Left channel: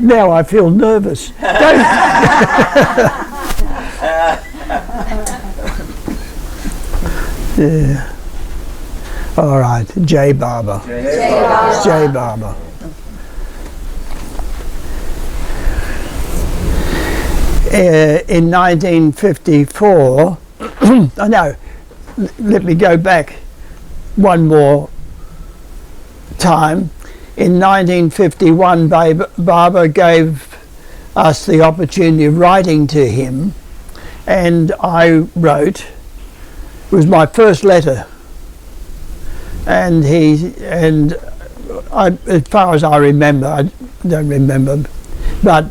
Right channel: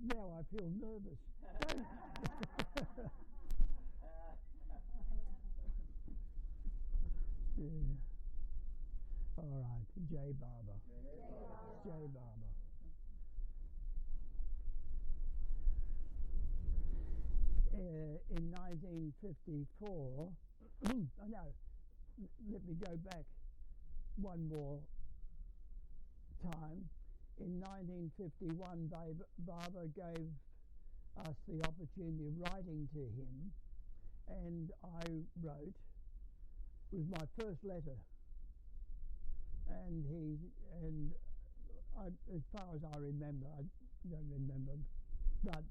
Now I feel nervous. Yeah. All right, J. Barber. J. Barber. In 1954, no, let me go back one more time. In 1951, Barber gave us the opportunity of writing to him, and I wrote. It was my first letter, and as far as I remember, I don't remember, but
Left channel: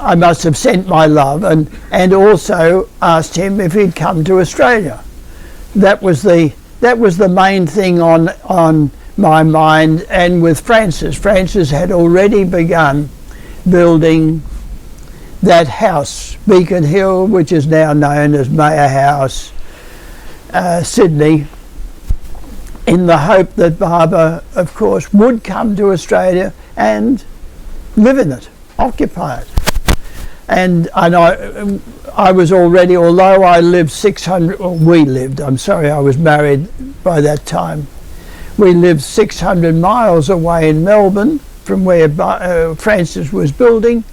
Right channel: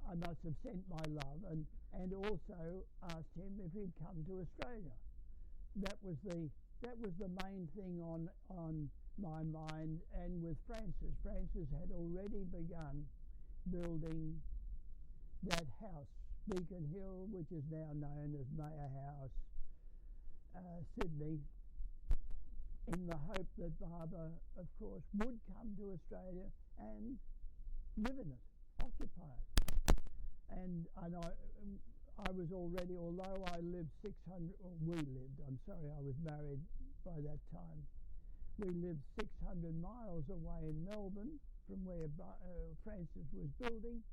I must have sent my love, and also asked him if he'd come to Australia. That was the main thing on my mind. And with Francis had already begun building that house, Beacon Hill, which is now known as Mayor House, Sydney, in the hope that Barber, of course, would come to Australia and live in it, occupy it. And I was already, although I lived 600, or we lived, I'm sorry, I was married by that time. We lived 600 miles away in Melbourne from where Francis was building.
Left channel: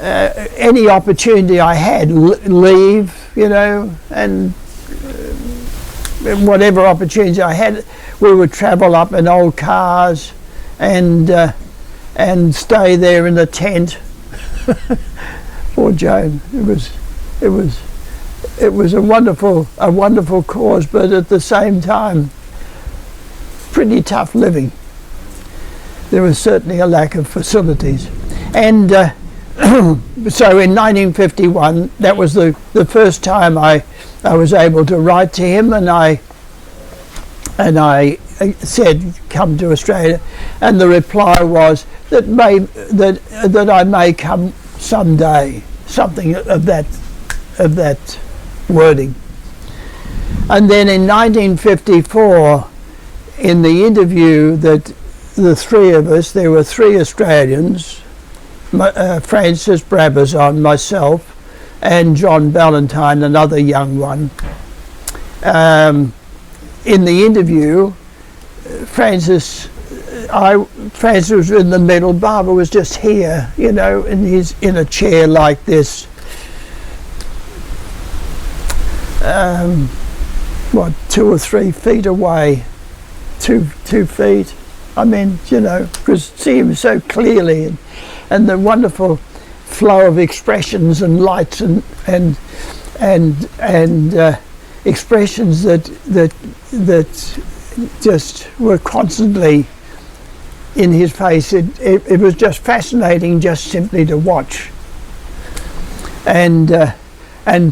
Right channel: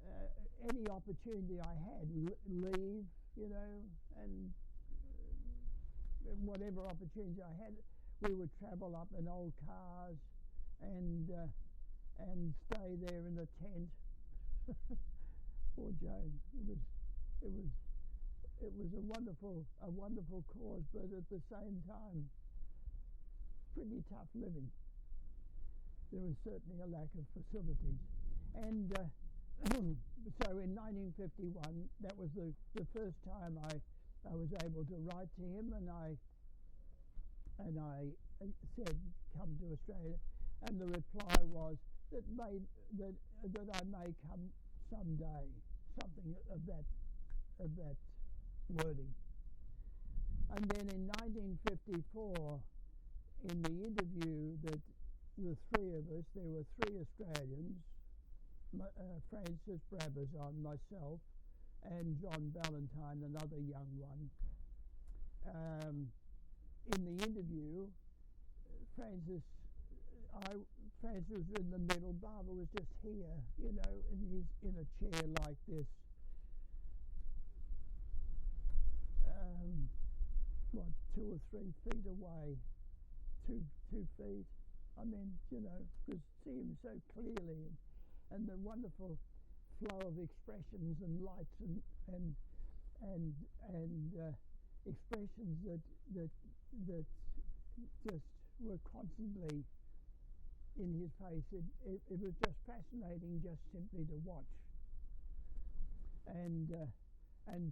Any opportunity I had, leave, and whatever opportunities I had, we would travel up in old cars and stay there in the tent. Poor Joan. It was a wonderful cause, but at the same time, pretty tough living. There was certainly a lack of facilities, and so in 1951, that was the first time I was able to write to him, and I said, come to Australia, and the reply was that I may come someday, something of that wording. And then in 1954, in the interview that the three of us, there were three Australians, Francis Brabazon, myself, and John Ballantyne, another young one. In the interview, Francis was in the middle, Barber was just here, in a chair like this. 2 or 3 feet away, 2 feet. I mean, because see him so clearly, and the wonderful flow of expressions and lights and expressions that just were constantly in his face. It was just fascinating, just simply to watch. And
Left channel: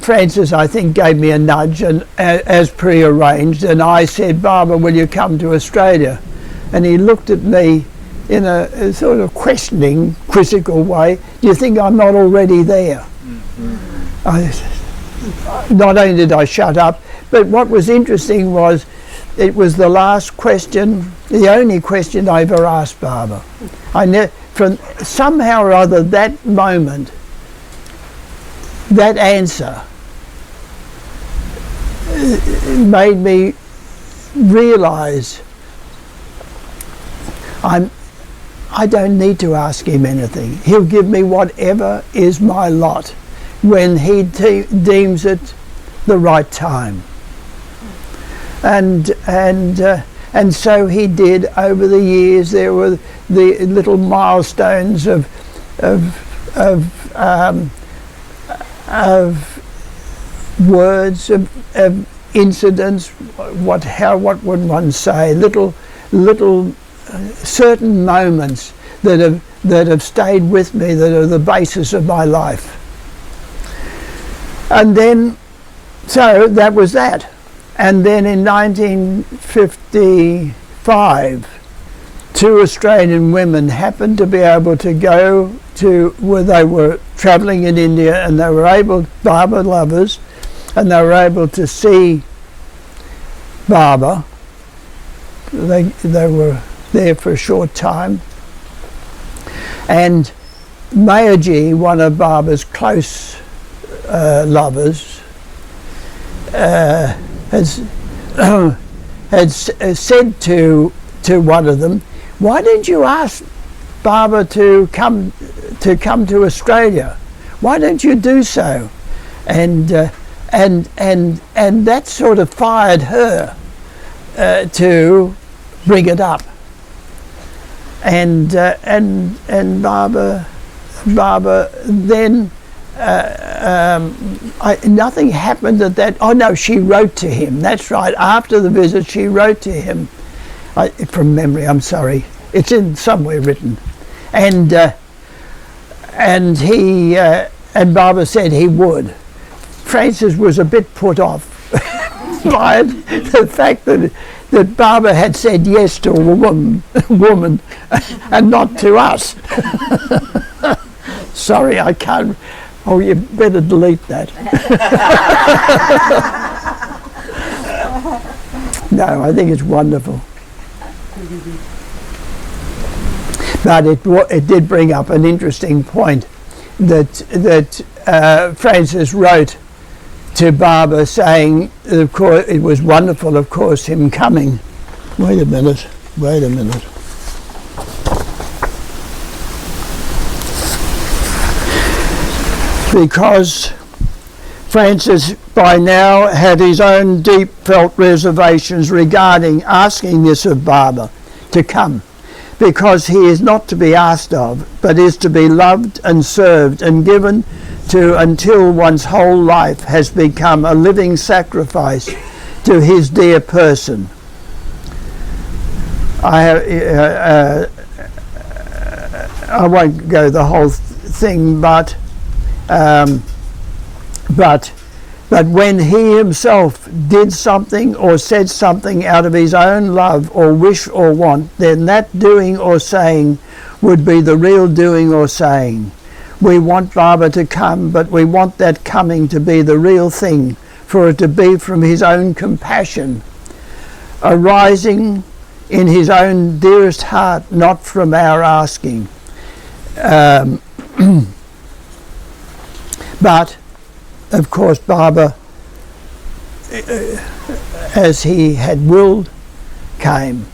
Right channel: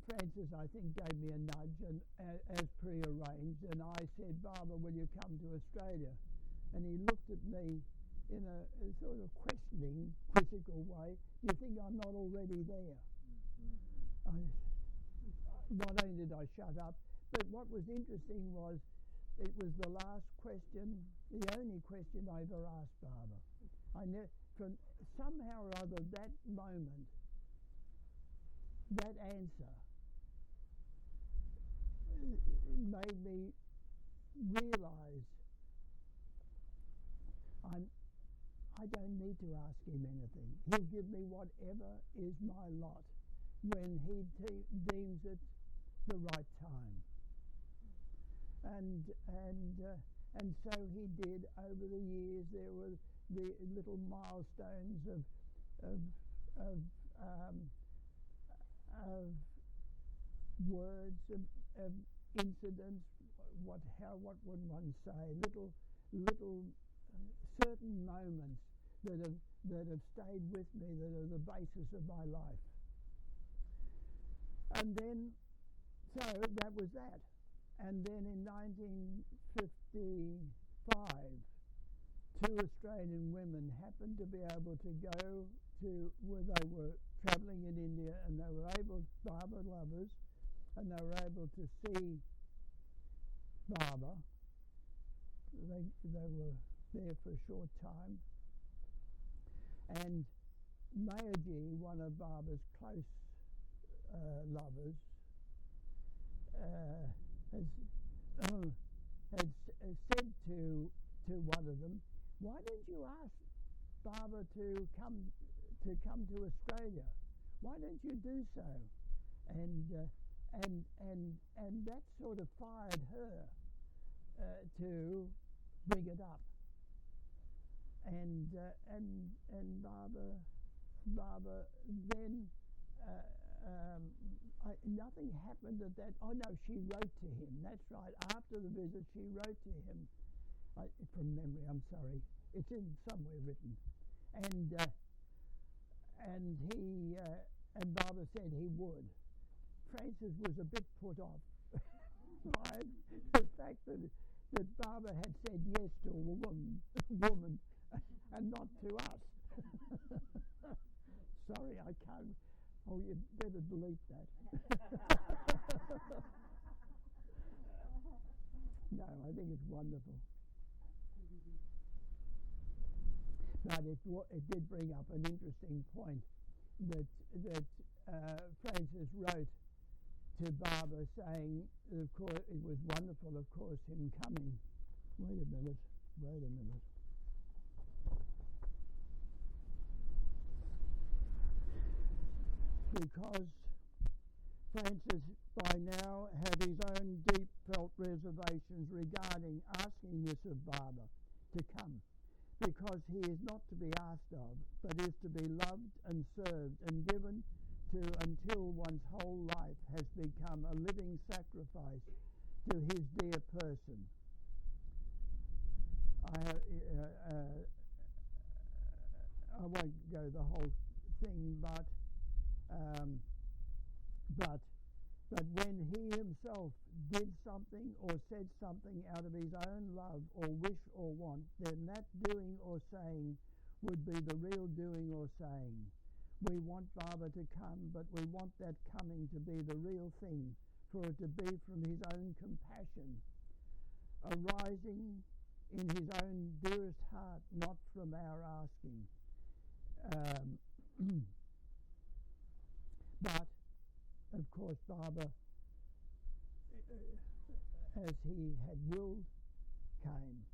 Francis, I think, gave me a nudge, and as pre-arranged, and I said, Barber, will you come to Australia? And he looked at me in a sort of questioning, quizzical way. Do you think I'm not already there? Not only did I shut up, but what was interesting was it was the last question, the only question I ever asked Barber. From somehow or other, that moment, that answer made me realise I don't need to ask him anything. He'll give me whatever is my lot when he deems it the right time. And so he did. Over the years, there were the little milestones of words, of incidents. What would one say? Little certain moments that have stayed with me, that are the basis of my life. And then, so that was that. And then in 1955, 2 Australian women happened to be able to go to where they were travelling in India, and they were able, Barber lovers, and they were able to see Barber. They were there for a short time, And Mayor G, one of Barbara's close lovers, has said to one of them, "Why didn't you ask Barbara to come to Australia? Why don't you do so?" And that sort of fired her to bring it up. And Barbara then nothing happened at that. Oh no, she wrote to him. That's right. After the visit, she wrote to him. From memory, I'm sorry. It's in somewhere written, and he and Barbara said he would. Francis was a bit put off by the fact that Barbara had said yes to a woman and not to us. Sorry, I can't. Oh, you better delete that. No, I think it's wonderful. But it did bring up an interesting point that Francis wrote to Barbara saying, of course, it was wonderful, of course, him coming. Wait a minute. Because Francis by now had his own deep felt reservations regarding asking this of Barbara to come, because he is not to be asked of, but is to be loved and served and given to until one's whole life has become a living sacrifice to his dear person. I won't go the whole thing, but when he himself did something or said something out of his own love or wish or want, then that doing or saying would be the real doing or saying. We want Barbara to come, but we want that coming to be the real thing, for it to be from his own compassion, arising in his own dearest heart, not from our asking. But, of course, Barbara, as he had willed, came.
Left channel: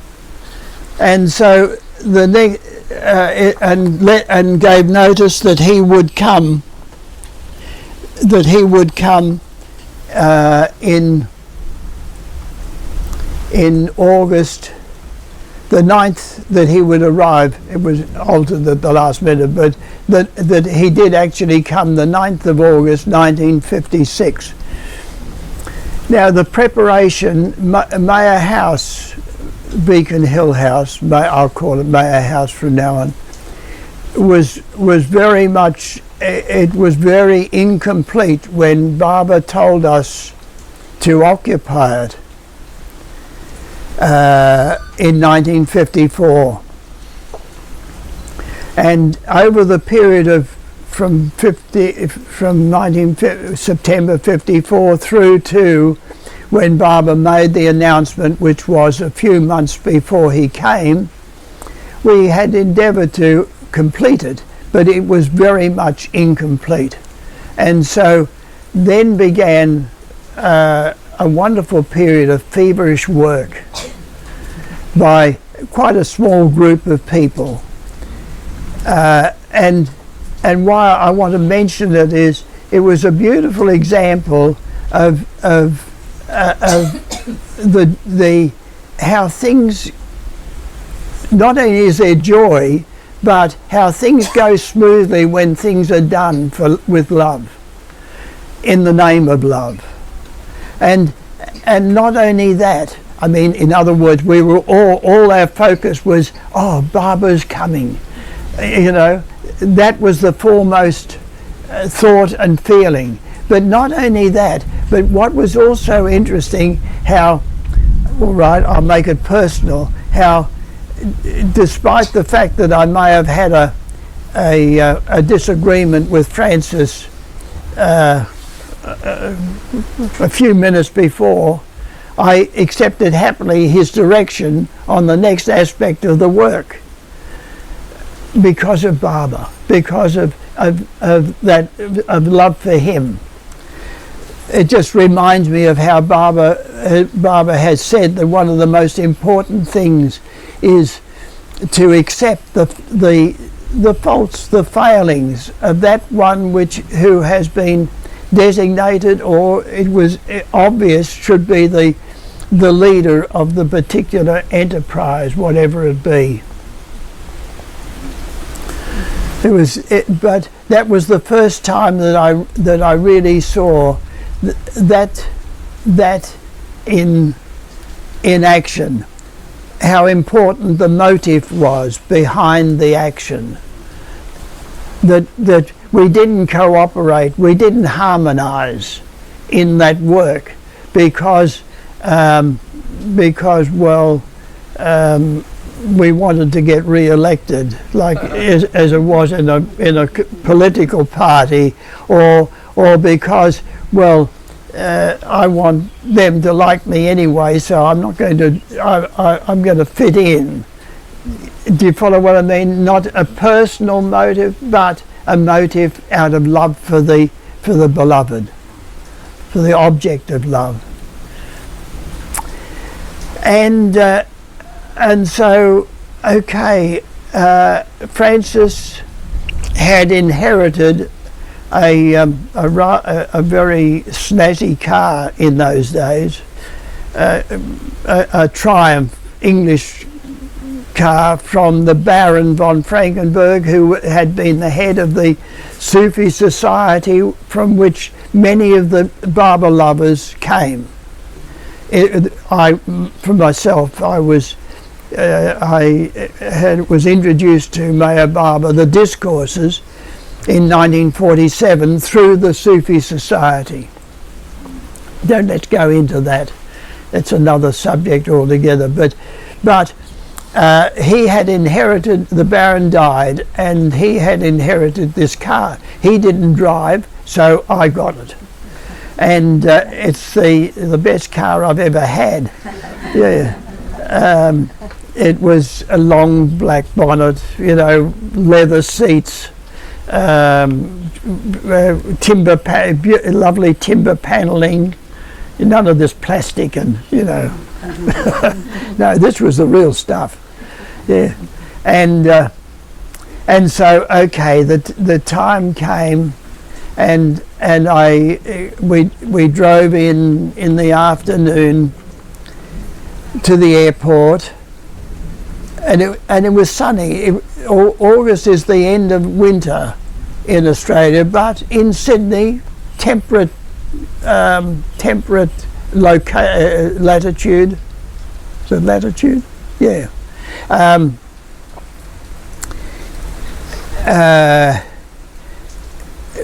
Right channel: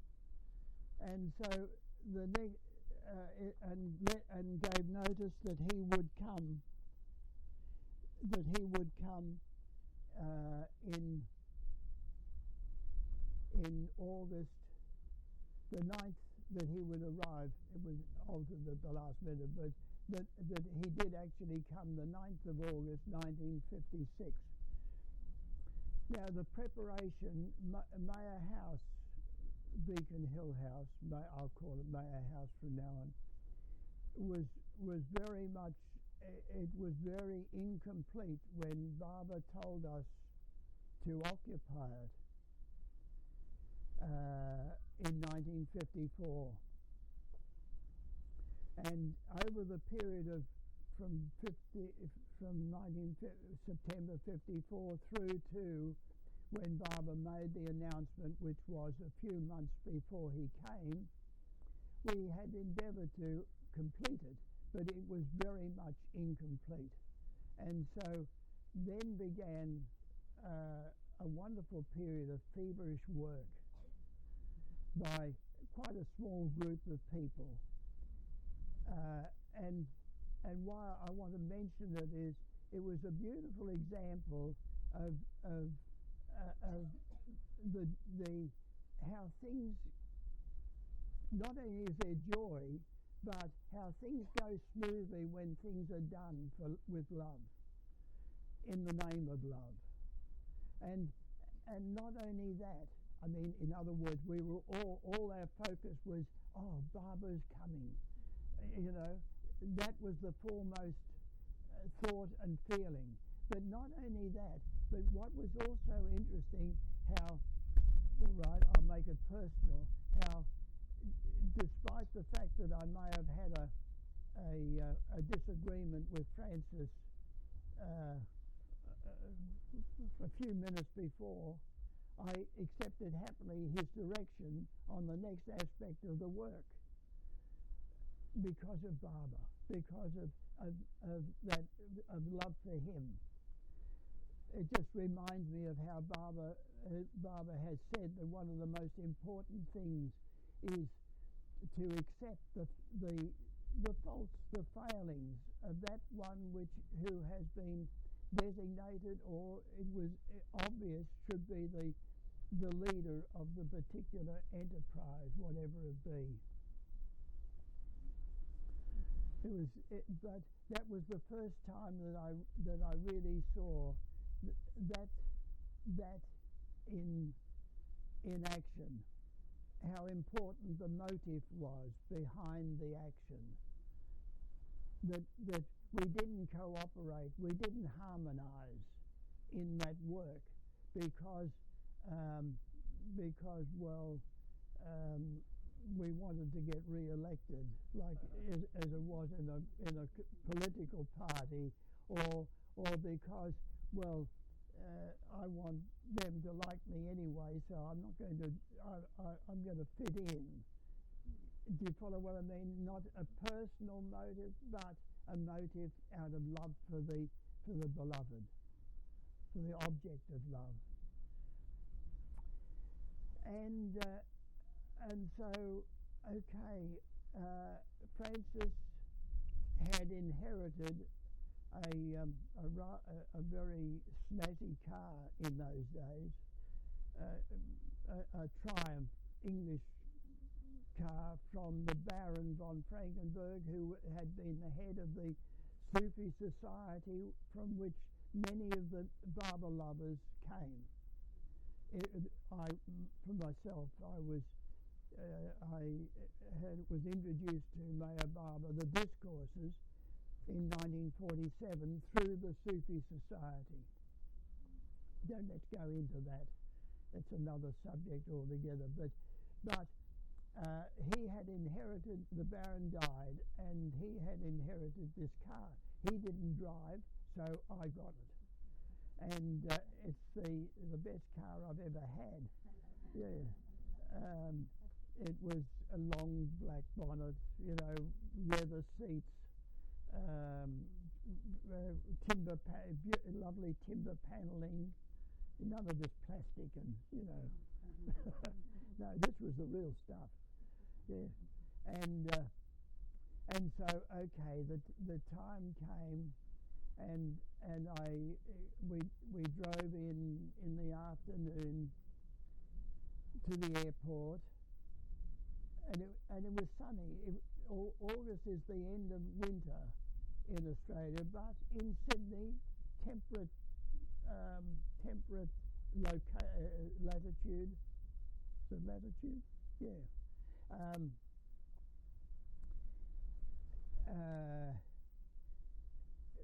And so the next, and gave notice that he would come. In August, the 9th, that he would arrive. It was altered at the last minute, but that he did actually come the 9th of August 1956. Now the preparation, Mayor House, Beacon Hill House, I'll call it Mayor House from now on, was very much, it was very incomplete when Barbara told us to occupy it in 1954. And over the period of from September 54 through to when Barbara made the announcement, which was a few months before he came, we had endeavoured to complete it, but it was very much incomplete. And so then began a wonderful period of feverish work by quite a small group of people. And why I want to mention it is it was a beautiful example of the how things, not only is there joy, but how things go smoothly when things are done with love, in the name of love. And not only that, I mean, in other words, we were all our focus was, oh, Barbara's coming. You know, that was the foremost thought and feeling. But not only that, but what was also interesting, how, all right, I'll make it personal, how despite the fact that I may have had a disagreement with Francis a few minutes before, I accepted happily his direction on the next aspect of the work. because of Barbara, because of love for him. It just reminds me of how Barbara has said that one of the most important things is to accept the faults, the failings of that one who has been designated, or it was obvious should be the leader of the particular enterprise, whatever it be. But that was the first time that I really saw that in action, how important the motive was behind the action. That we didn't cooperate, we didn't harmonise in that work because we wanted to get re-elected, like as it was in a political party, or because I want them to like me anyway, so I'm not going to. I'm going to fit in. Do you follow what I mean? Not a personal motive, but a motive out of love for the beloved, for the object of love. And so, okay, Francis had inherited a very snazzy car in those days, a Triumph English car from the Baron von Frankenberg, who had been the head of the Sufi society from which many of the Barber lovers came. For myself, I was introduced to Meher Baba, the discourses, in 1947 through the Sufi society. Let's go into that. That's another subject altogether. But he had inherited, the Baron died, and he had inherited this car. He didn't drive, so I got it. And it's the best car I've ever had. Yeah. It was a long black bonnet, leather seats, lovely timber paneling, none of this plastic and no, this was the real stuff. Yeah. And so okay, the time came, and we drove in the afternoon to the airport, and it was sunny. August is the end of winter in Australia, but in Sydney, temperate latitude. Is it latitude? Yeah.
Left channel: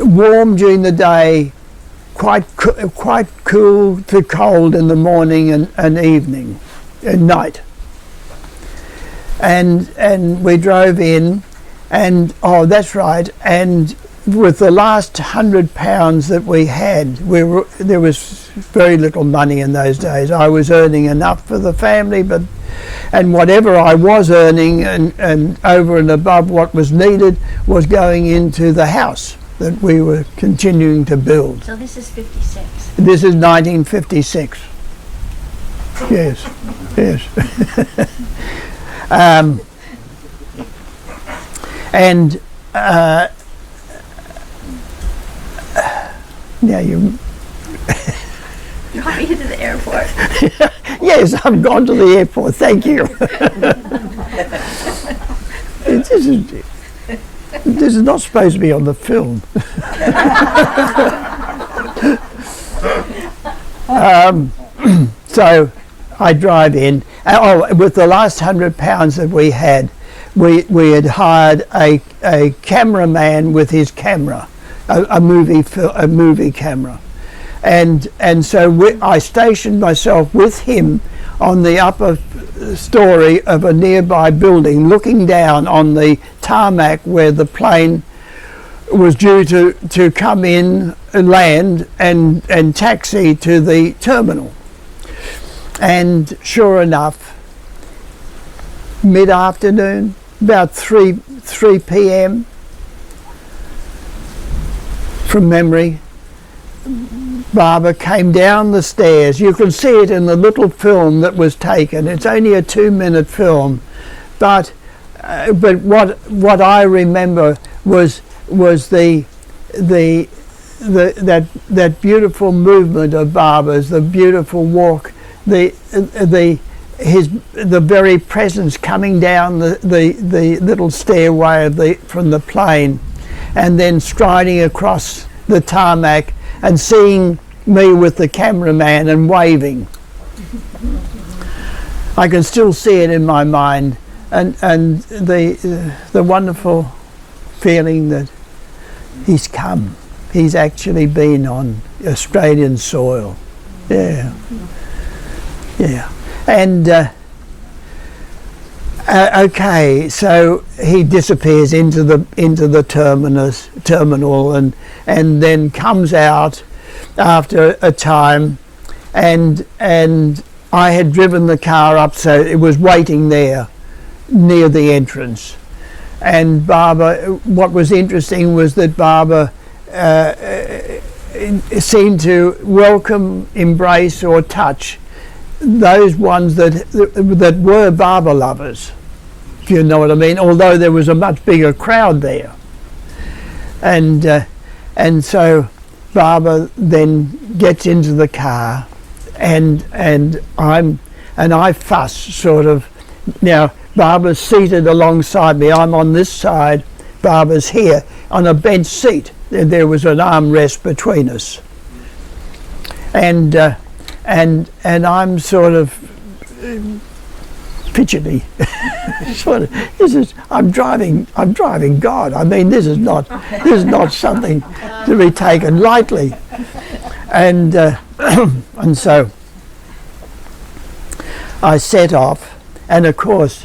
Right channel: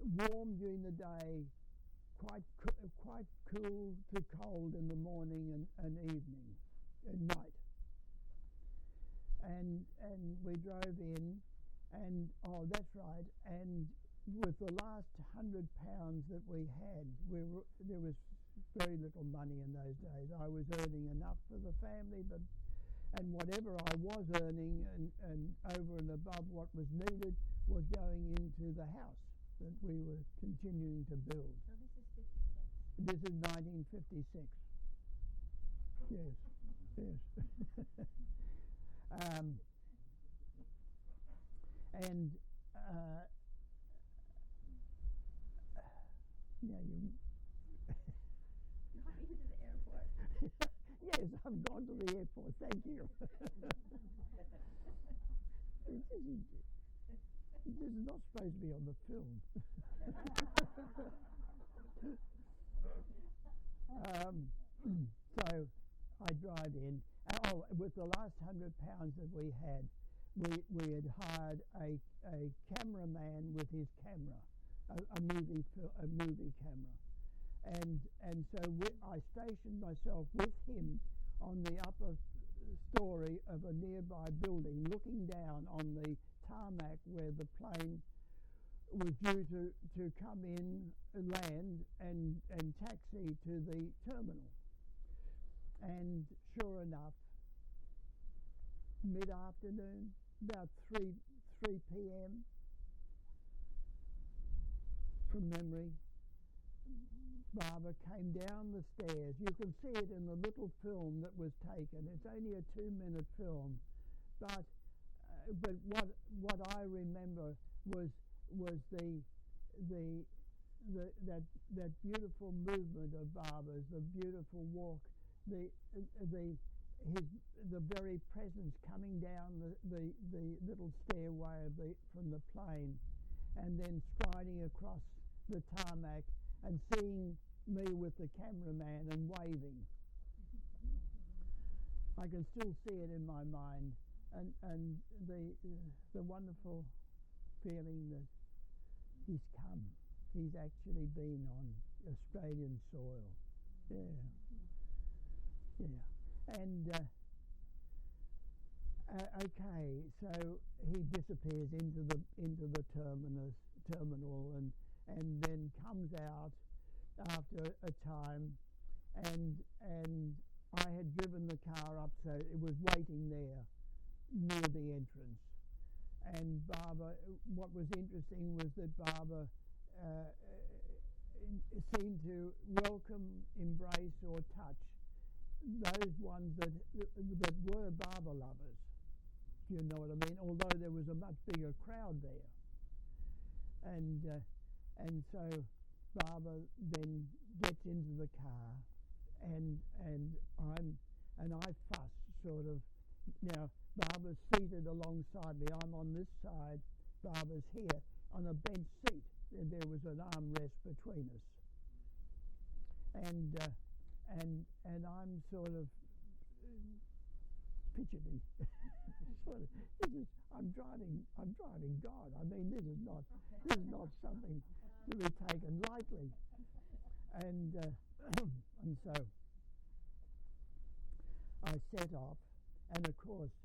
Warm during the day, quite cool to cold in the morning and evening and night. And we drove in, and that's right. And with the last £100 that we had, there was very little money in those days. I was earning enough for the family, and whatever I was earning and over and above what was needed was going into the house that we were continuing to build. So this is 56. This is 1956. Yes, yes. Now you. You want me to the airport? Yes, I've gone to the airport. Thank you. This is not supposed to be on the film. So I drive in. With the last £100 that we had hired a cameraman with his camera, a movie camera, and so I stationed myself with him on the upper story of a nearby building, looking down on the tarmac where the plane was due to come in, land, and taxi to the terminal. And sure enough, mid-afternoon, about 3 p.m. from memory. Barbara came down the stairs. You can see it in the little film that was taken. It's only a 2-minute film, but what I remember was that beautiful movement of Barbara's, the beautiful walk, the very presence coming down the little stairway from the plane, and then striding across the tarmac and seeing me with the cameraman and waving. I can still see it in my mind, and the wonderful feeling that he's come. He's actually been on Australian soil. Yeah. And okay, so he disappears into the terminal, and then comes out after a time, and I had driven the car up, so it was waiting there near the entrance. And Barbara, what was interesting was that Barbara seemed to welcome, embrace or touch those ones that were Barbara lovers, if you know what I mean, although there was a much bigger crowd there. And so Barbara then gets into the car, and I fuss sort of. Now Barbara's seated alongside me. I'm on this side. Barbara's here on a bench seat. There was an armrest between us, and I'm sort of fidgety. Sort of. I'm driving God. I mean, this is not something to be taken lightly, and so I set off, and of course,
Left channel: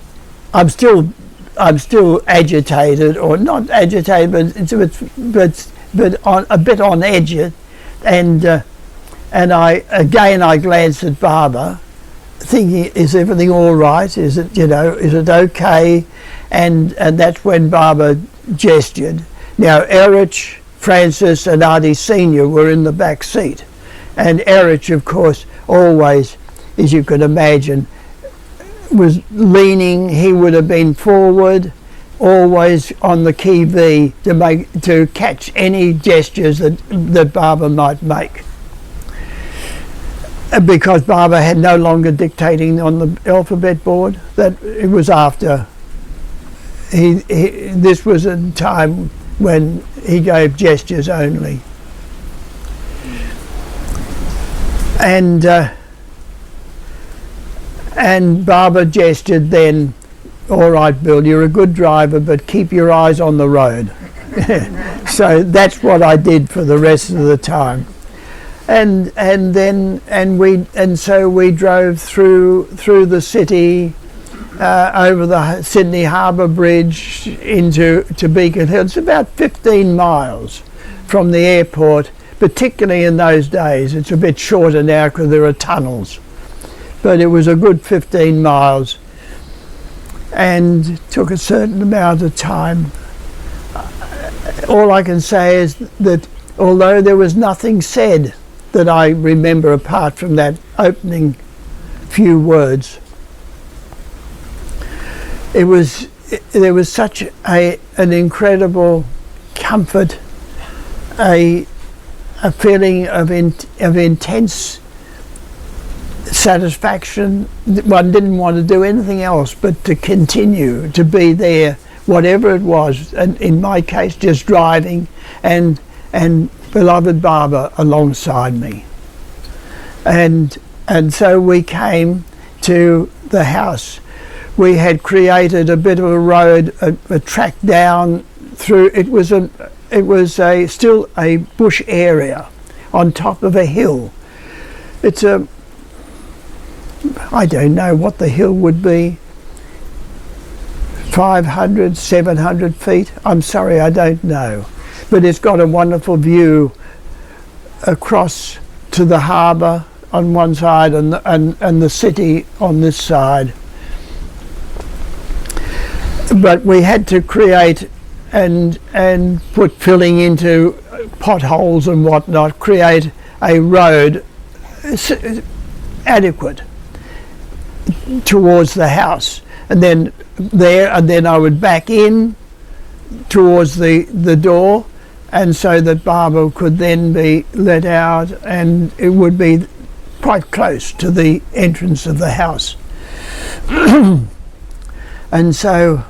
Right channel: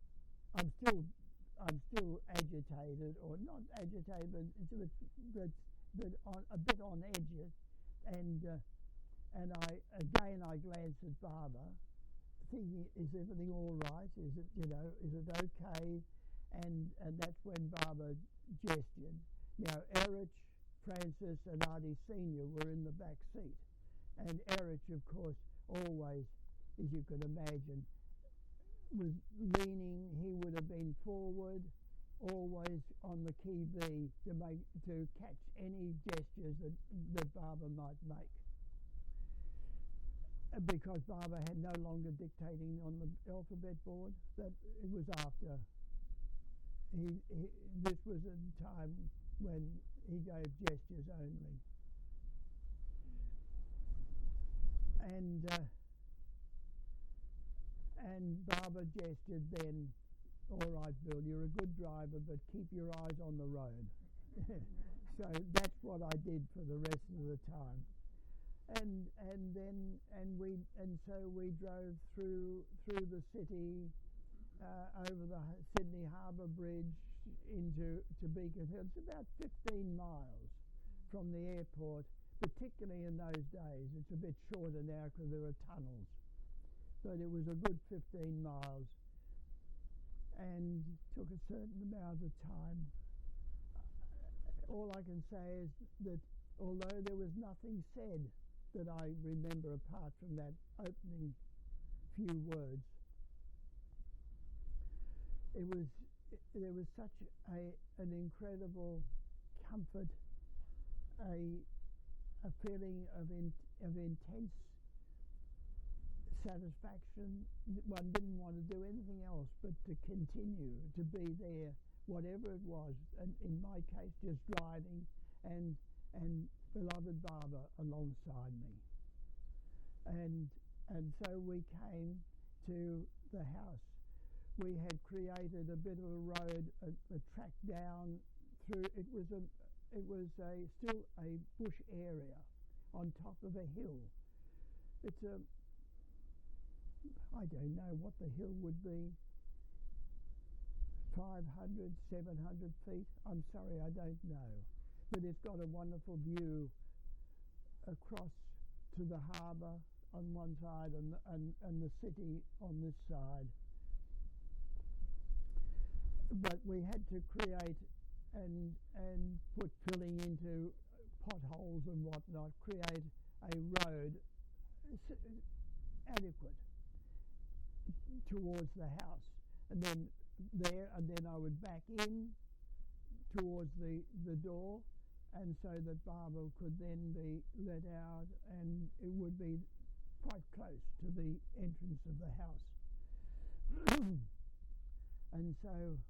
I'm still agitated, or not agitated, but a bit on edge, and I glanced at Barbara, thinking, is everything all right? Is it okay? And that's when Barbara gestured. Now Erich, Francis, and Artie Senior were in the back seat, and Erich, of course, always, as you could imagine, was leaning. He would have been forward, always on the key V to catch any gestures that Barbara might make, because Barbara had no longer dictating on the alphabet board. That it was after this was a time when he gave gestures only, and Barbara gestured then, all right, Bill, you're a good driver, but keep your eyes on the road. So that's what I did for the rest of the time. And so we drove through the city, over the Sydney Harbour Bridge to Beacon Hill. It's about 15 miles from the airport, particularly in those days. It's a bit shorter now because there are tunnels. But it was a good 15 miles, and took a certain amount of time. All I can say is that although there was nothing said that I remember apart from that opening few words, there was such an incredible comfort, a feeling of intense satisfaction. One didn't want to do anything else but to continue to be there, whatever it was, and in my case just driving, and beloved Barbara alongside me. And so we came to the house. We had created a bit of a road, a track down through. It was still a bush area on top of a hill. It's I don't know what the hill would be, 500, 700 feet. I'm sorry, I don't know. But it's got a wonderful view across to the harbour on one side and the city on this side. but we had to create and put filling into potholes and whatnot, create a road adequate towards the house, and then I would back in towards the door, and so that Barbara could then be let out, and it would be quite close to the entrance of the house. And so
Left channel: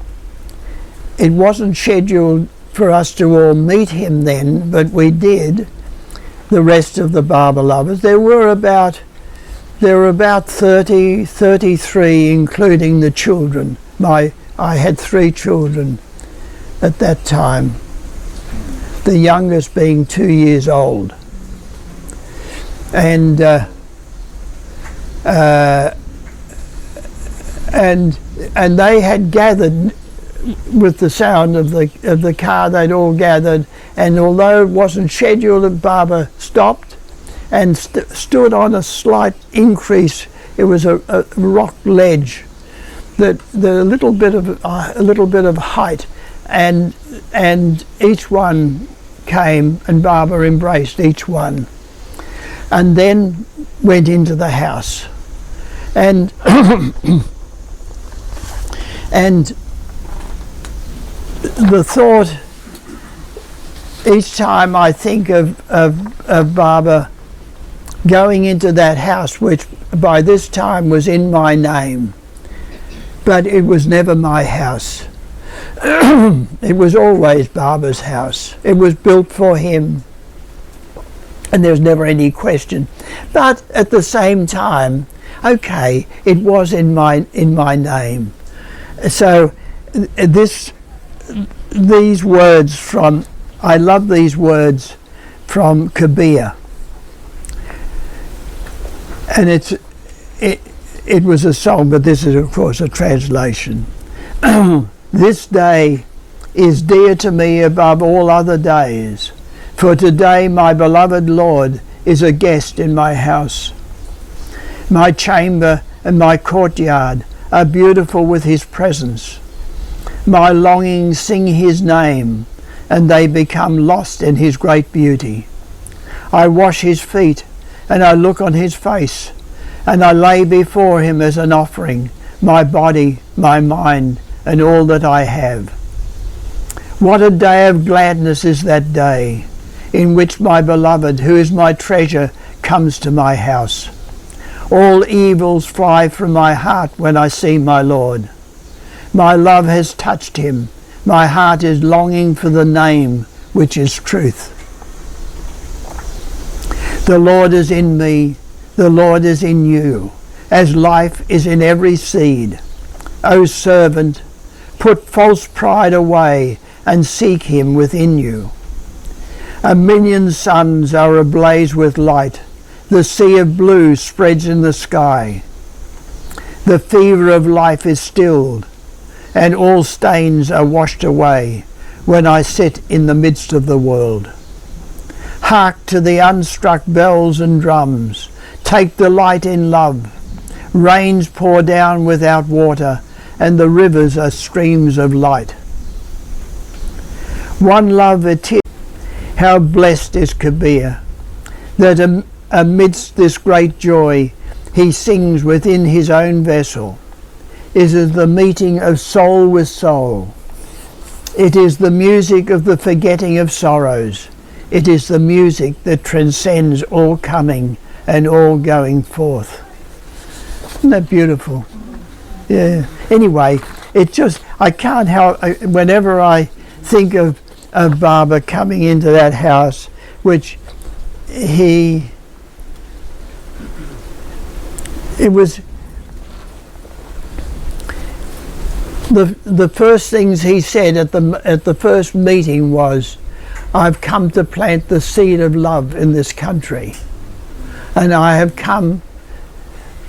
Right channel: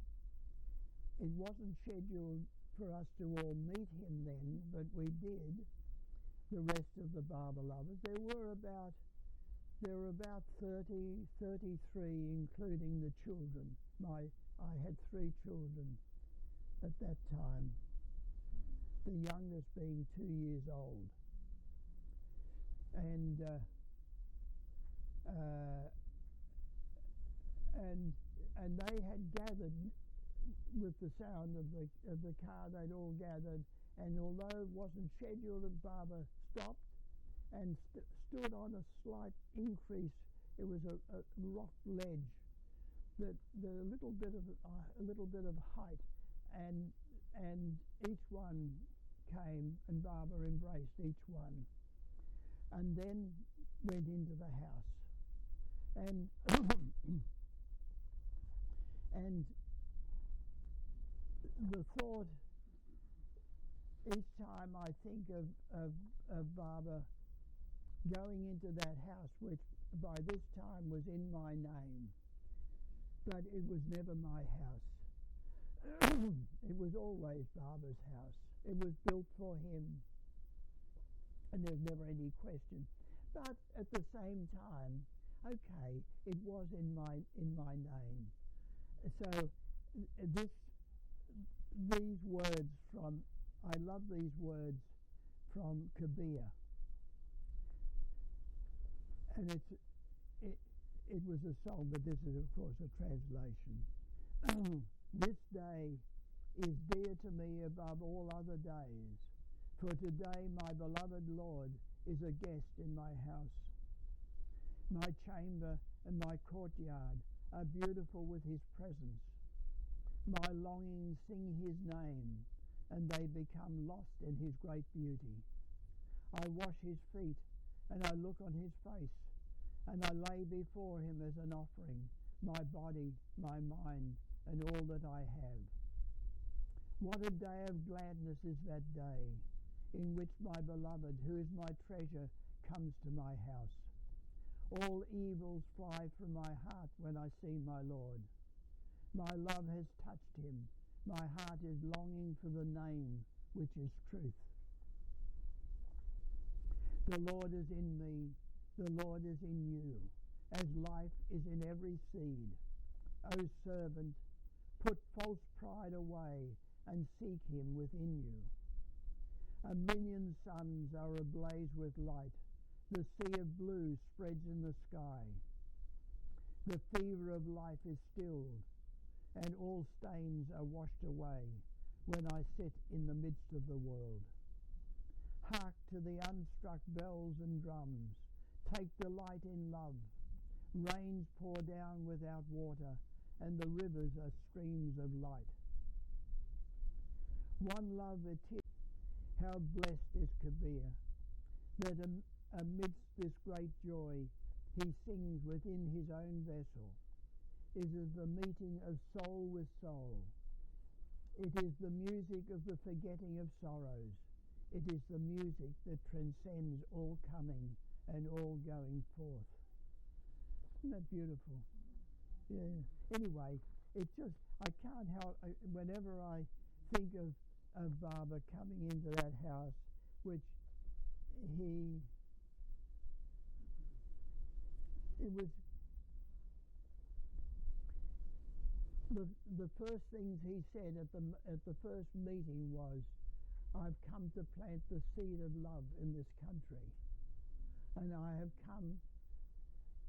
it wasn't scheduled for us to all meet him then, but we did, the rest of the Barbara lovers. There were about 30, 33, including the children. I had 3 children at that time, the youngest being 2 years old. And they had gathered with the sound of the car. They'd all gathered, and although it wasn't scheduled, Barbara stopped and stood on a slight increase. It was a rock ledge, that a little bit of height, and each one came, and Barbara embraced each one, and then went into the house, and and the thought, each time I think of Barbara going into that house, which by this time was in my name, but it was never my house. It was always Barbara's house. It was built for him, and there's never any question. But at the same time, okay, it was in my name. So these words from, I love these words from Kabir, and it was a song, but this is of course a translation. This day is dear to me above all other days, for today my beloved Lord is a guest in my house. My chamber and my courtyard are beautiful with his presence. My longings sing his name, and they become lost in his great beauty. I wash his feet, and I look on his face, and I lay before him as an offering my body, my mind, and all that I have. What a day of gladness is that day, in which my beloved, who is my treasure, comes to my house. All evils fly from my heart when I see my Lord. My love has touched him. My heart is longing for the name which is truth. The Lord is in me, the Lord is in you, as life is in every seed. O servant, put false pride away and seek him within you. 1,000,000 suns are ablaze with light. The sea of blue spreads in the sky. The fever of life is stilled, and all stains are washed away when I sit in the midst of the world. Hark to the unstruck bells and drums. Take delight in love. Rains pour down without water, and the rivers are streams of light. One love it is. How blessed is Kabir, that amidst this great joy he sings within his own vessel. It is the meeting of soul with soul. It is the music of the forgetting of sorrows. It is the music that transcends all coming and all going forth. Isn't that beautiful? Yeah. Anyway, I can't help, whenever I think of Barbara coming into that house, which it was the first things he said at the first meeting was, I've come to plant the seed of love in this country, and I have come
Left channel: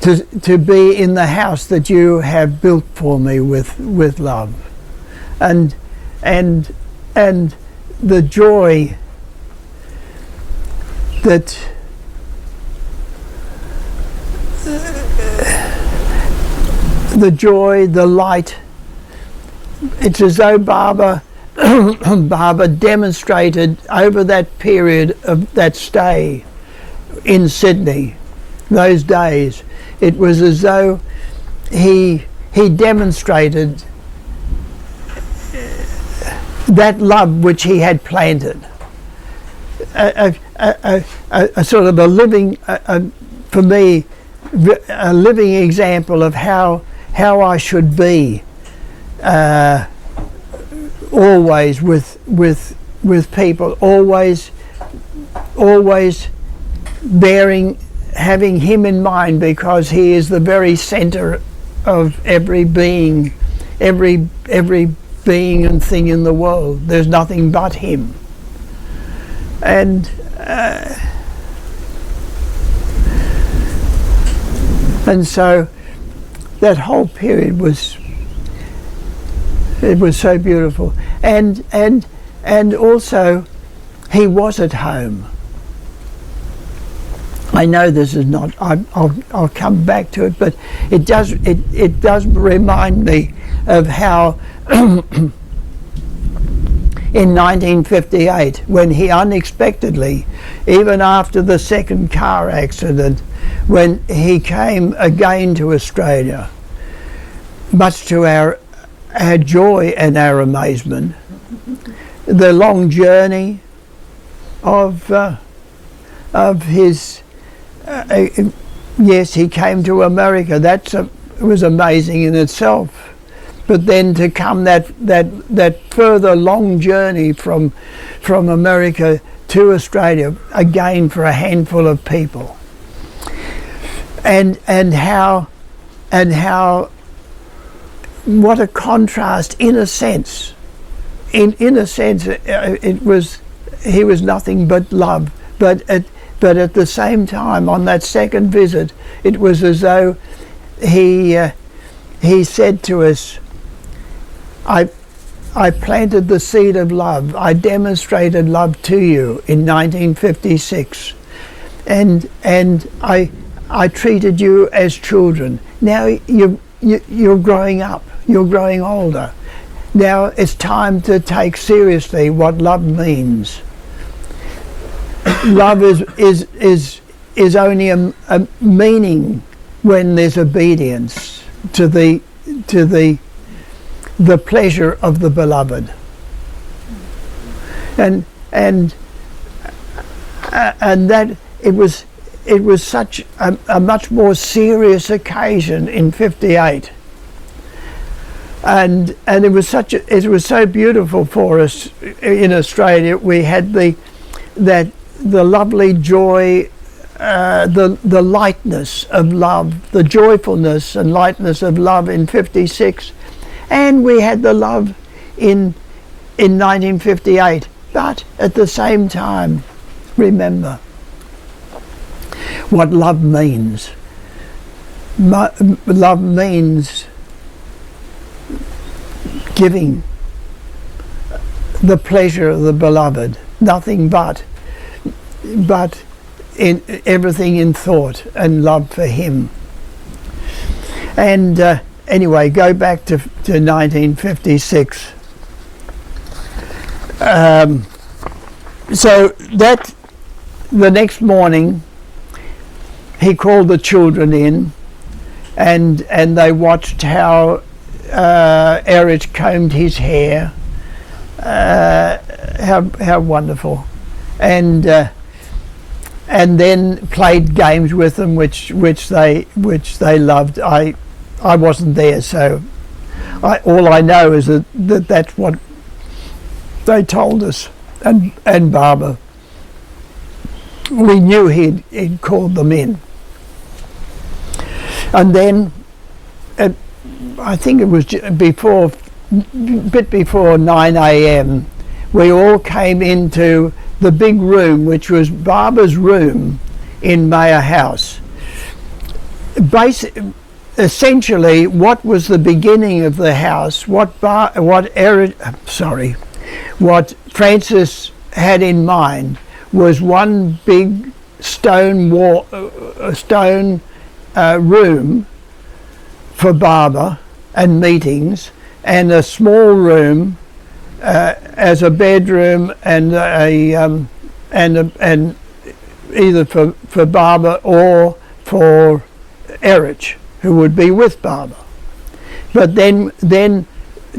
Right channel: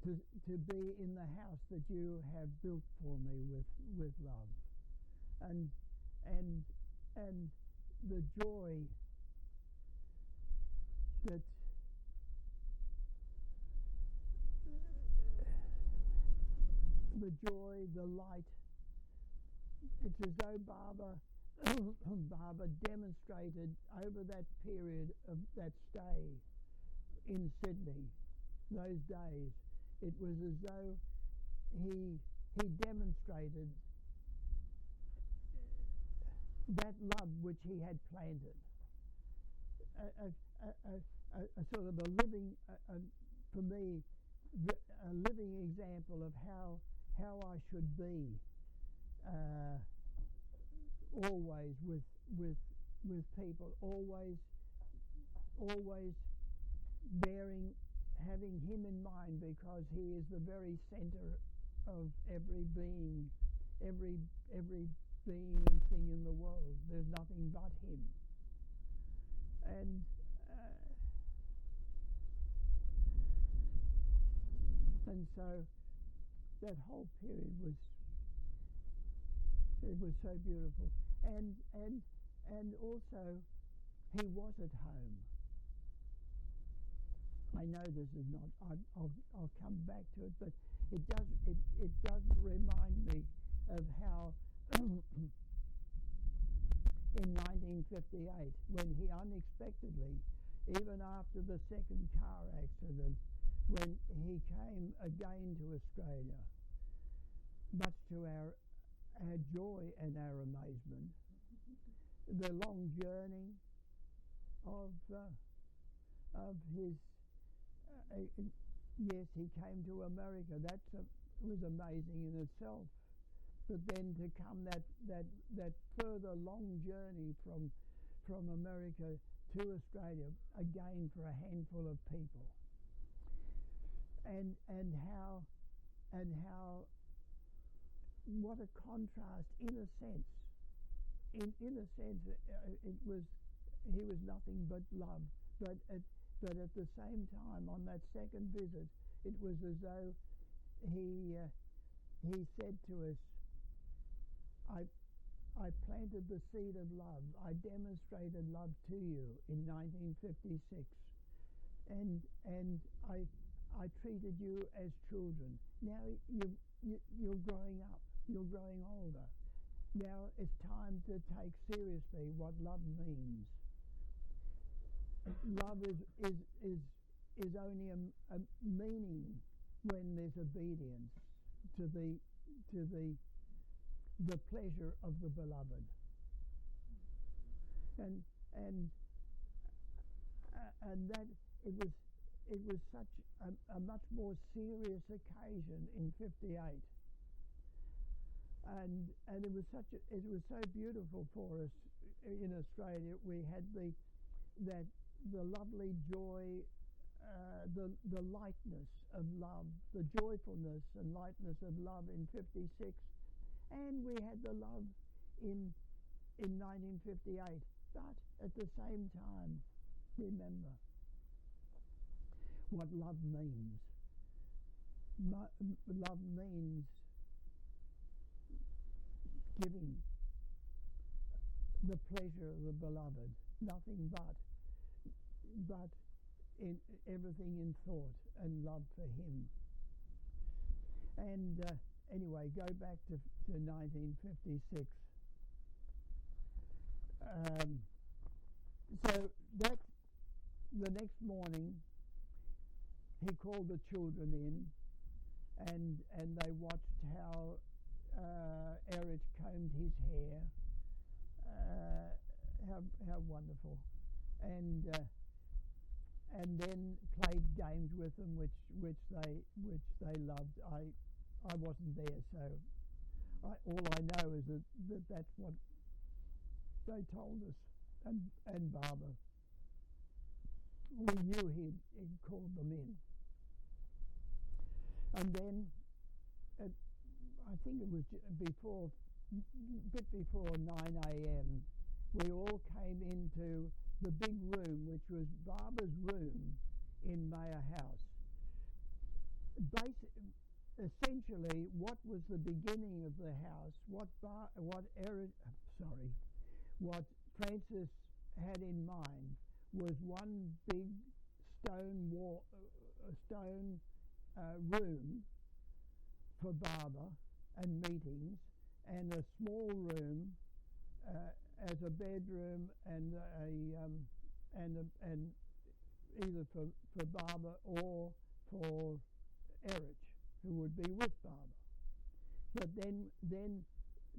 to be in the house that you have built for me with love, and the joy that the light it's as though Barbara demonstrated over that period of that stay in Sydney, those days, it was as though he demonstrated that love which he had planted, a sort of a living, for me, a living example of how I should be always with people, always having him in mind, because he is the very center of every being, every being and thing in the world. There's nothing but him. And so that whole period was so beautiful, and also he was at home. I know this is not. I'll come back to it, but it does remind me of how in 1958, when he unexpectedly, even after the second car accident, when he came again to Australia, much to our joy and our amazement, the long journey of his. Yes, he came to America. It was amazing in itself. But then to come that further long journey from America to Australia, again for a handful of people, and how what a contrast, in a sense. In a sense, he was nothing but love, but at the same time, on that second visit, it was as though he said to us, I planted the seed of love. I demonstrated love to you in 1956, and I treated you as children. Now you're growing up. You're growing older. Now it's time to take seriously what love means. Love is only a meaning when there's obedience to the pleasure of the beloved, and that it was such a much more serious occasion in '58, and it was so beautiful for us in Australia. We had the lovely joy, the lightness of love, the joyfulness and lightness of love in '56, and we had the love in 1958. But at the same time, remember what love means. Love means giving the pleasure of the beloved, nothing but in everything in thought and love for him. And anyway, go back to 1956. So that the next morning he called the children in, and they watched how Eric combed his hair. How wonderful. And then played games with them, which they loved. I wasn't there, so all I know is that's what they told us. And Barbara, we knew he'd called them in. And then, I think it was a bit before 9 a.m., we all came into the big room, which was Barbara's room in Mayor House. Essentially, what was the beginning of the house, what Francis had in mind was one big stone room for Barbara and meetings, and a small room as a bedroom and and either for Barbara or for Erich, who would be with Barbara. But then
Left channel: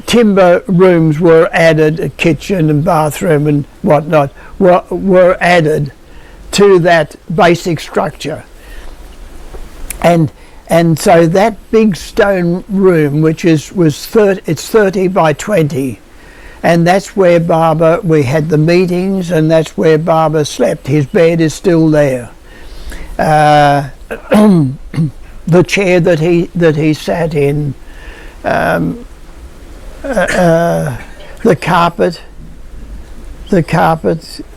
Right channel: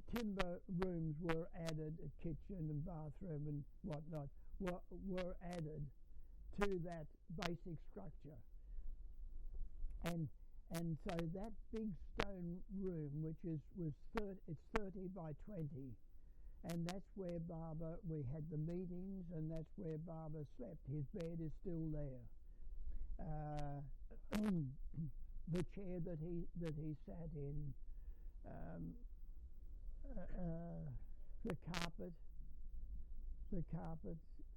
timber rooms were added, a kitchen and bathroom and whatnot were added to that basic structure. And so that big stone room, which was 30 by 20, and that's where we had the meetings, and that's where Barbara slept. His bed is still there. The chair that he sat in, the carpet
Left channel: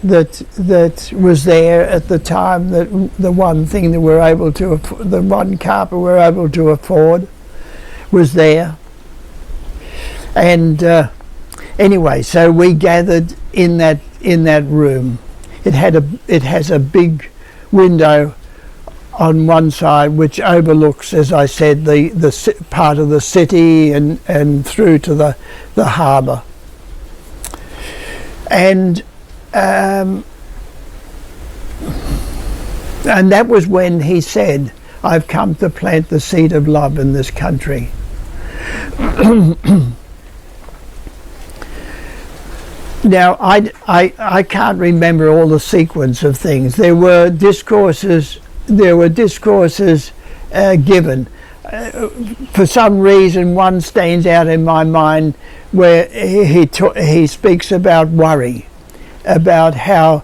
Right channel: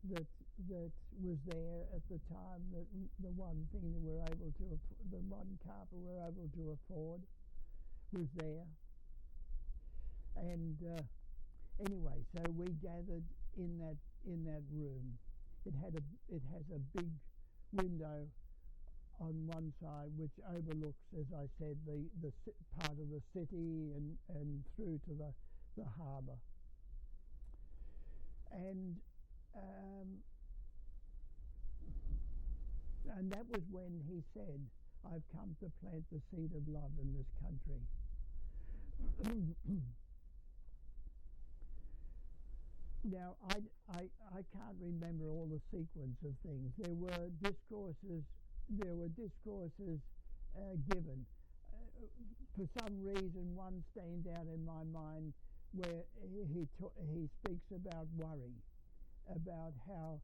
that was there at the time, the one thing that the one carpet we're able to afford was there. And anyway, so we gathered in that room. It has a big window on one side which overlooks, as I said, the part of the city and through to the harbour. And that was when he said, "I've come to plant the seed of love in this country." Now, I can't remember all the sequence of things. There were discourses given. For some reason, one stands out in my mind where he speaks about worry, about how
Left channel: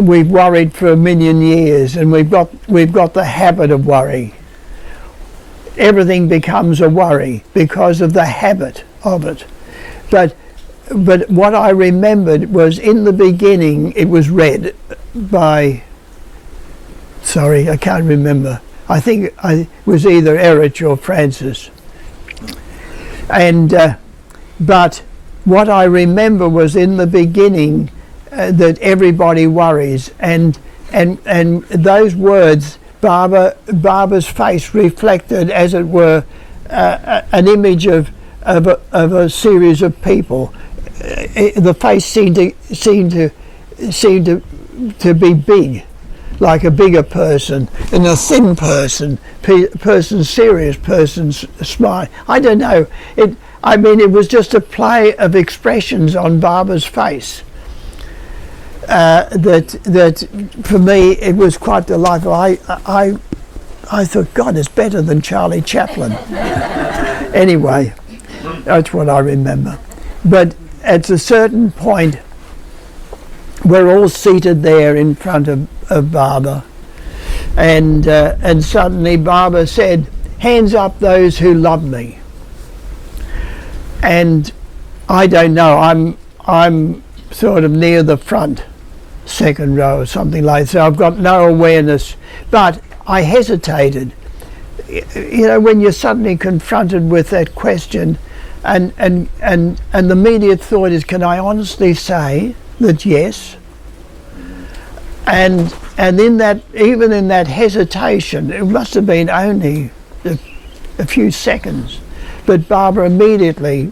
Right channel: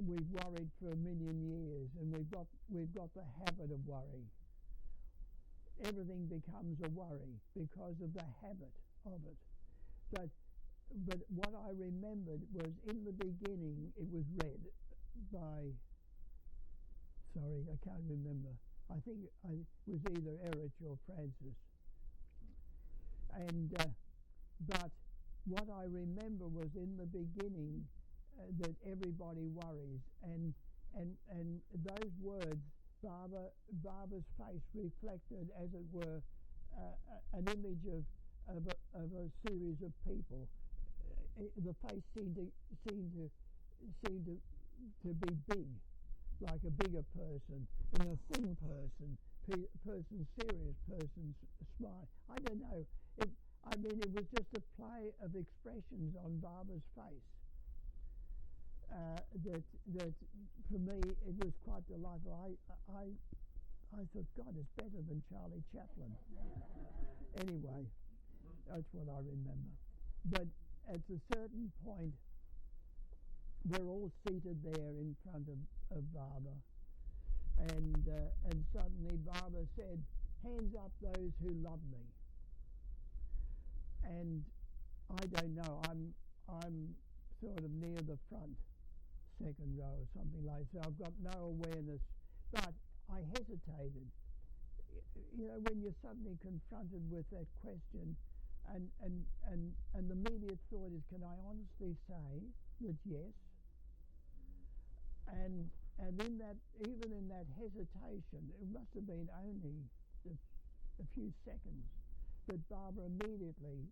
we've worried for 1,000,000 years, and we've got the habit of worry. Everything becomes a worry because of the habit of it. But what I remembered was, in the beginning, it was read by, sorry, I can't remember. I think it was either Erich or Francis. And but what I remember was, in the beginning, that everybody worries, and those words, Barbara's face reflected, as it were, an image of a series of people. The face seemed to be big, like a bigger person, and a thin person, serious person's smile. I don't know. It was just a play of expressions on Barbara's face. That for me it was quite delightful. I thought, God, it's better than Charlie Chaplin. Anyway, that's what I remember. But at a certain point, we're all seated there in front of Barbara, and suddenly Barbara said, "Hands up those who love me." And I don't know, I'm sort of near the front, second row or something like that, so I've got no awareness, but I hesitated. You know, when you're suddenly confronted with that question, and the immediate thought is, can I honestly say that yes? And in that, even in that hesitation, it must have been only a few seconds, but Barbara immediately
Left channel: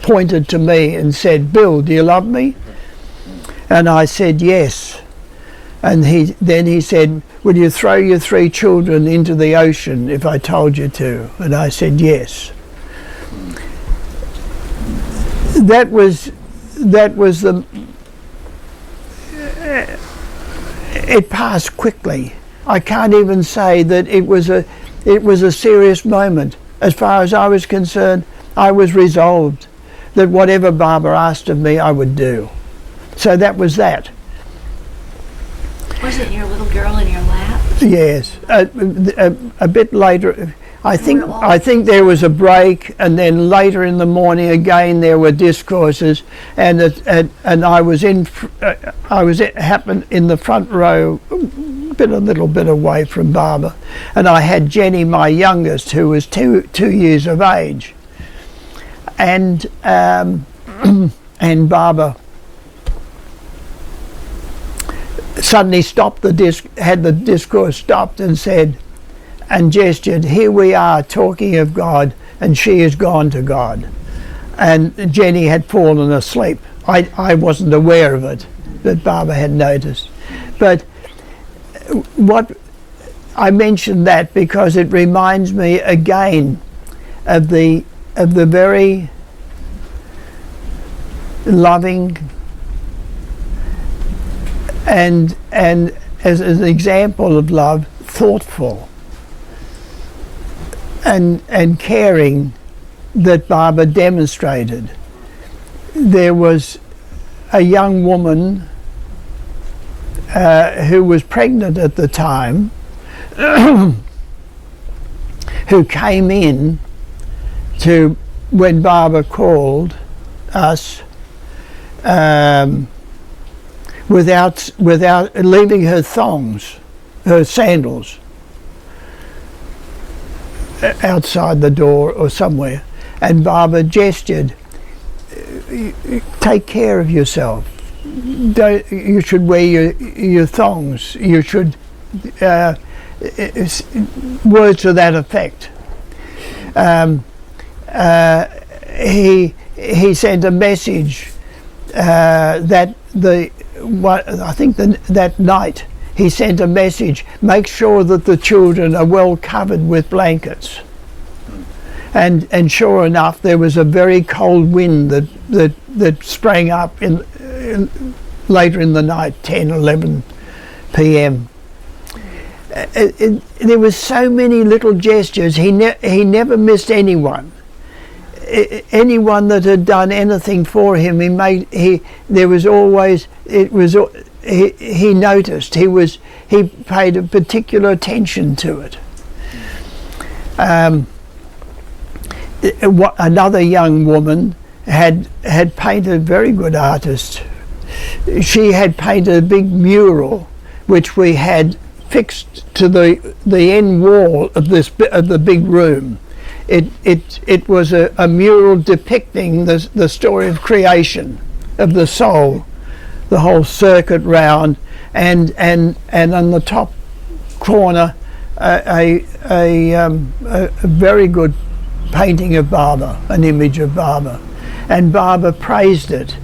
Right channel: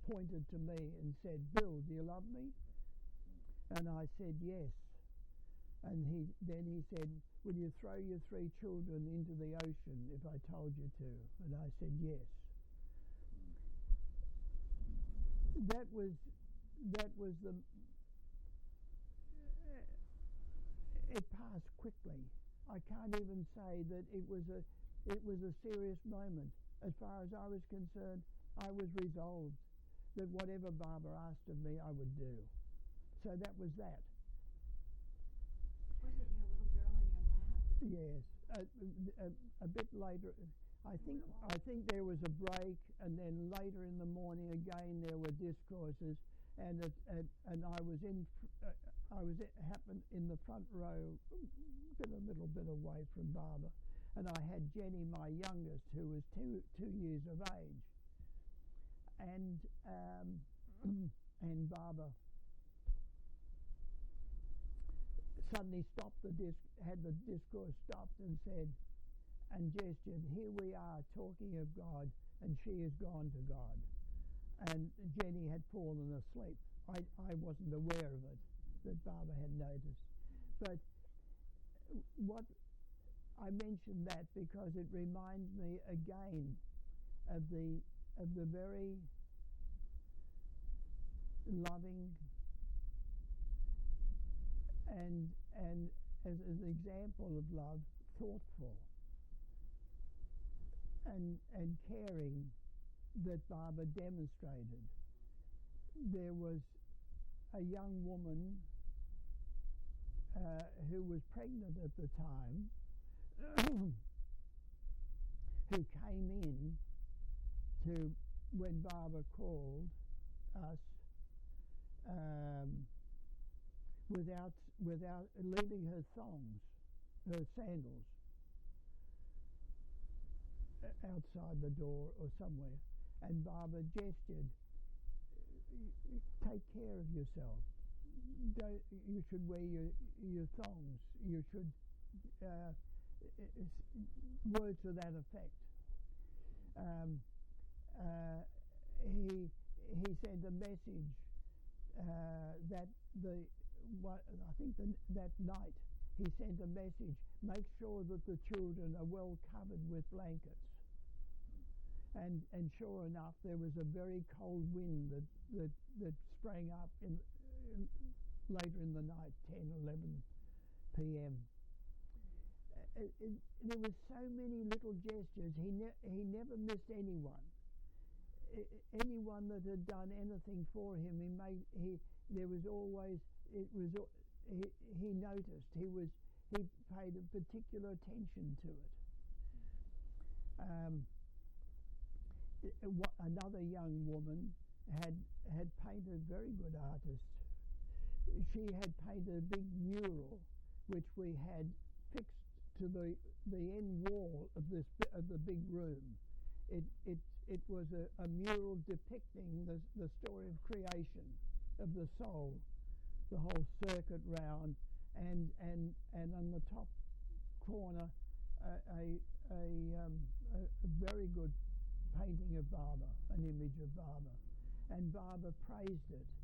pointed to me and said, "Bill, do you love me?" And I said yes. And then he said, "Will you throw your 3 children into the ocean if I told you to?" And I said yes. That was the. It passed quickly. I can't even say that it was a serious moment. As far as I was concerned, I was resolved that whatever Barbara asked of me, I would do. So that was that. Was it your little girl in your lap? Yes. A bit later, I think there was a break, and then later in the morning again there were discourses, and I was happened in the front row, a little bit away from Barbara, and I had Jenny, my youngest, who was two years of age, and Barbara suddenly stopped had the discourse stopped and said, and gestured, "Here we are talking of God, and she has gone to God." and Jenny had fallen asleep. I wasn't aware of it, but Barbara had noticed. But what I mentioned that because it reminds me again of the very loving and as an example of love, thoughtful and caring that Barbara demonstrated. There was a young woman who was pregnant at the time who came in to when Barbara called us without leaving her thongs, her sandals outside the door or somewhere, and Barbara gestured, take care of yourself. You should wear your thongs. You should words to that effect. He sent a message that that night he sent a message, make sure that the children are well covered with blankets. And sure enough, there was a very cold wind that sprang up later in the night, 10, 11 p.m. There was so many little gestures. He never missed anyone. Anyone that had done anything for him, he noticed. He paid a particular attention to it. Another young woman had painted, a very good artist. She had painted a big mural, which we had fixed to the end wall of the big room. It was a mural depicting the story of creation, of the soul, the whole circuit round, and on the top corner a very good painting of Barbara, an image of Barbara, and Barbara praised it,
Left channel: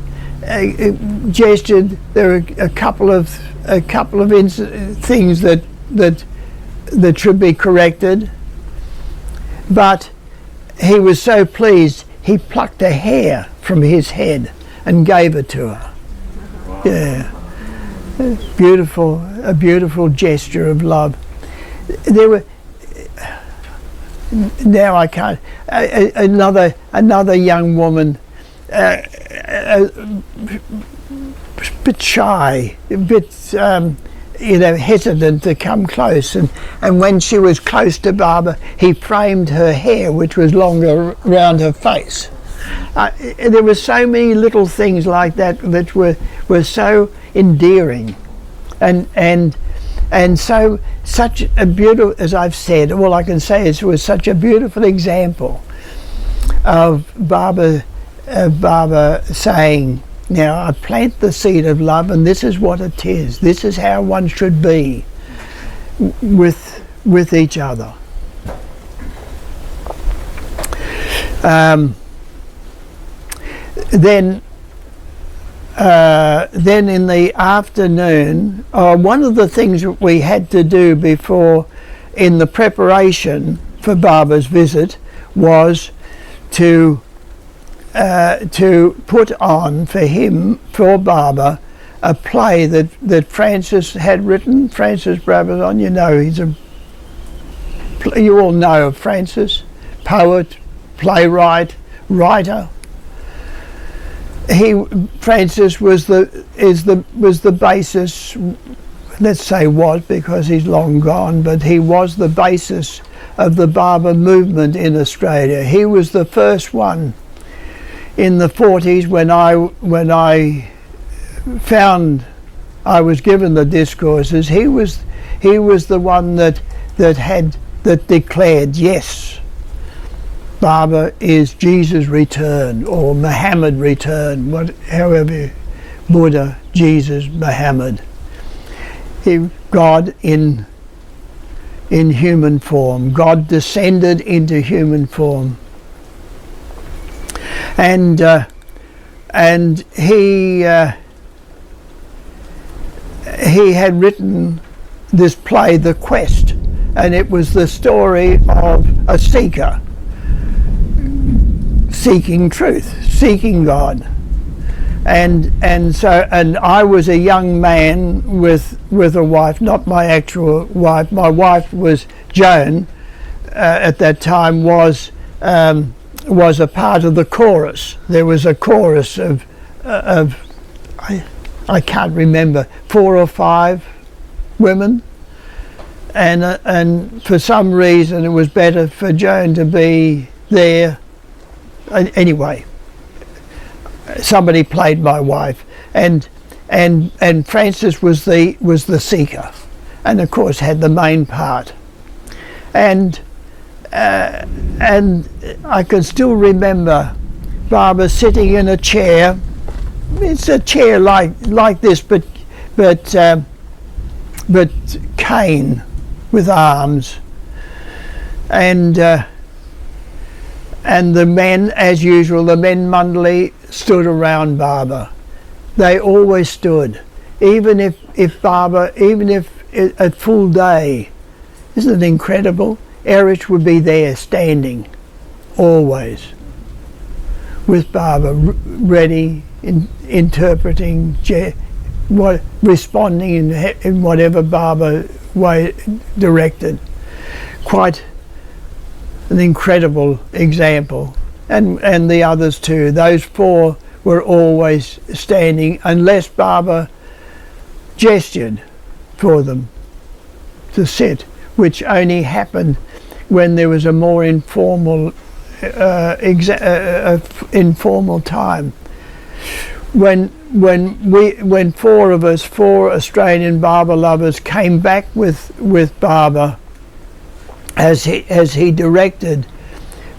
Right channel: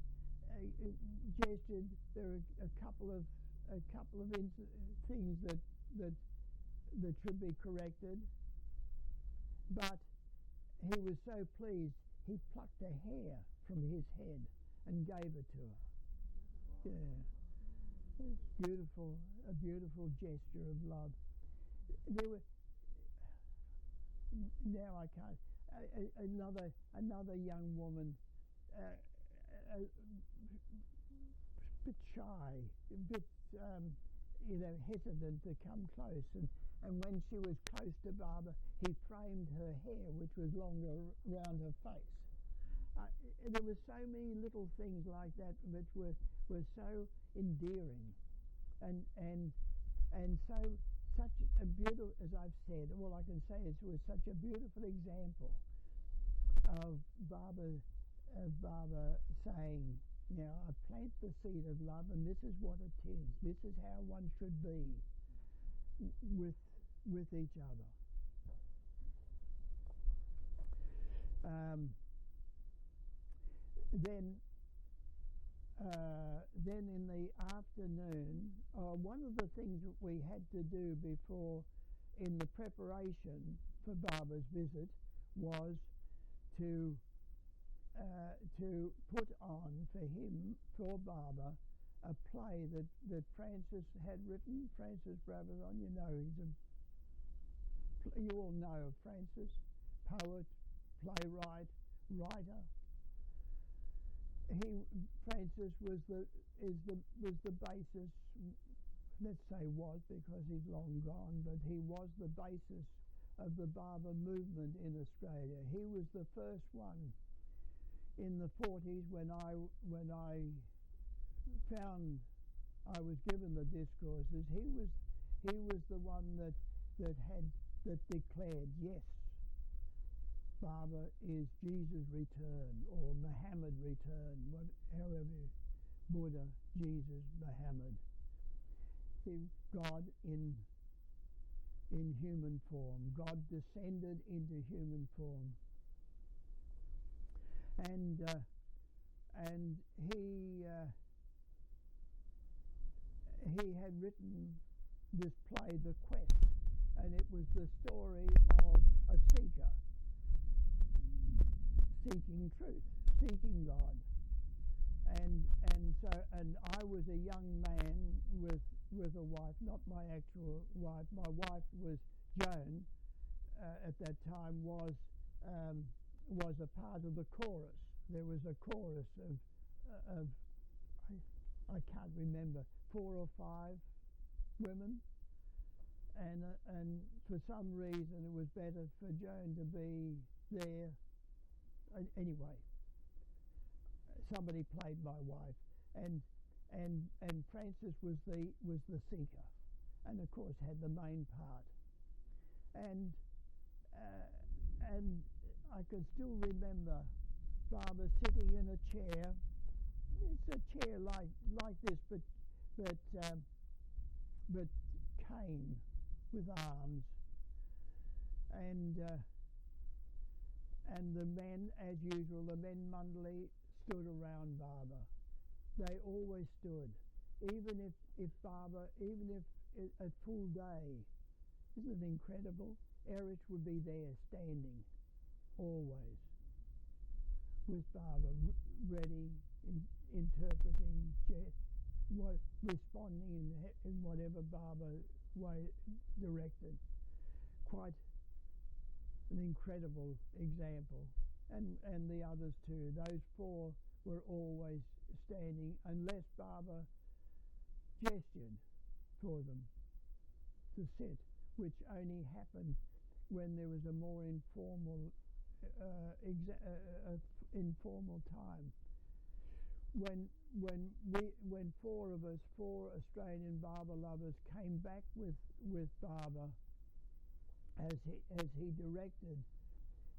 gestured. There are a couple of things that should be corrected, but he was so pleased he plucked a hair from his head and gave it to her. Wow. Yeah, a beautiful gesture of love. There were. Now I can't. Another young woman, a bit shy, a bit hesitant to come close, and when she was close to Barbara, he framed her hair, which was longer around her face. There were so many little things like that which were so endearing, and such a beautiful, as I've said, all I can say is it was such a beautiful example of Barbara saying, now I plant the seed of love, and this is what it is. This is how one should be with each other. Then in the afternoon, one of the things that we had to do before, in the preparation for Barbara's visit, was to put on for Barbara, a play that Francis had written. Francis Brabazon, you all know of Francis, poet, playwright, writer. Francis was the basis. Let's say was, because he's long gone, but he was the basis of the Barbara movement in Australia. He was the first one in the 40s when I found I was given the discourses. He was the one that declared, yes, Barbara is Jesus' return, or Muhammad return, however, Buddha, Jesus, Muhammad. God in human form. God descended into human form. and he had written this play, The Quest, and it was the story of a seeker seeking truth, seeking God. And I was a young man with a wife, not my actual wife. My wife was Joan. At that time was a part of the chorus. There was a chorus of I can't remember, 4 or 5 women, and for some reason it was better for Joan to be there. Anyway, somebody played my wife, and Frances was the seeker, and of course had the main part, and I can still remember Barbara sitting in a chair. It's a chair like this, but cane with arms, and the men, as usual, the men Mundley stood around Barbara. They always stood, even if at full day. Isn't it incredible? Erich would be there standing, always, with Barbara, ready, interpreting, responding in whatever Barbara way directed. Quite an incredible example, and the others too. Those 4 were always standing unless Barbara gestured for them to sit, which only happened when there was a more informal informal time. When 4 of us, 4 Australian Barbara lovers, came back with Barbara as he directed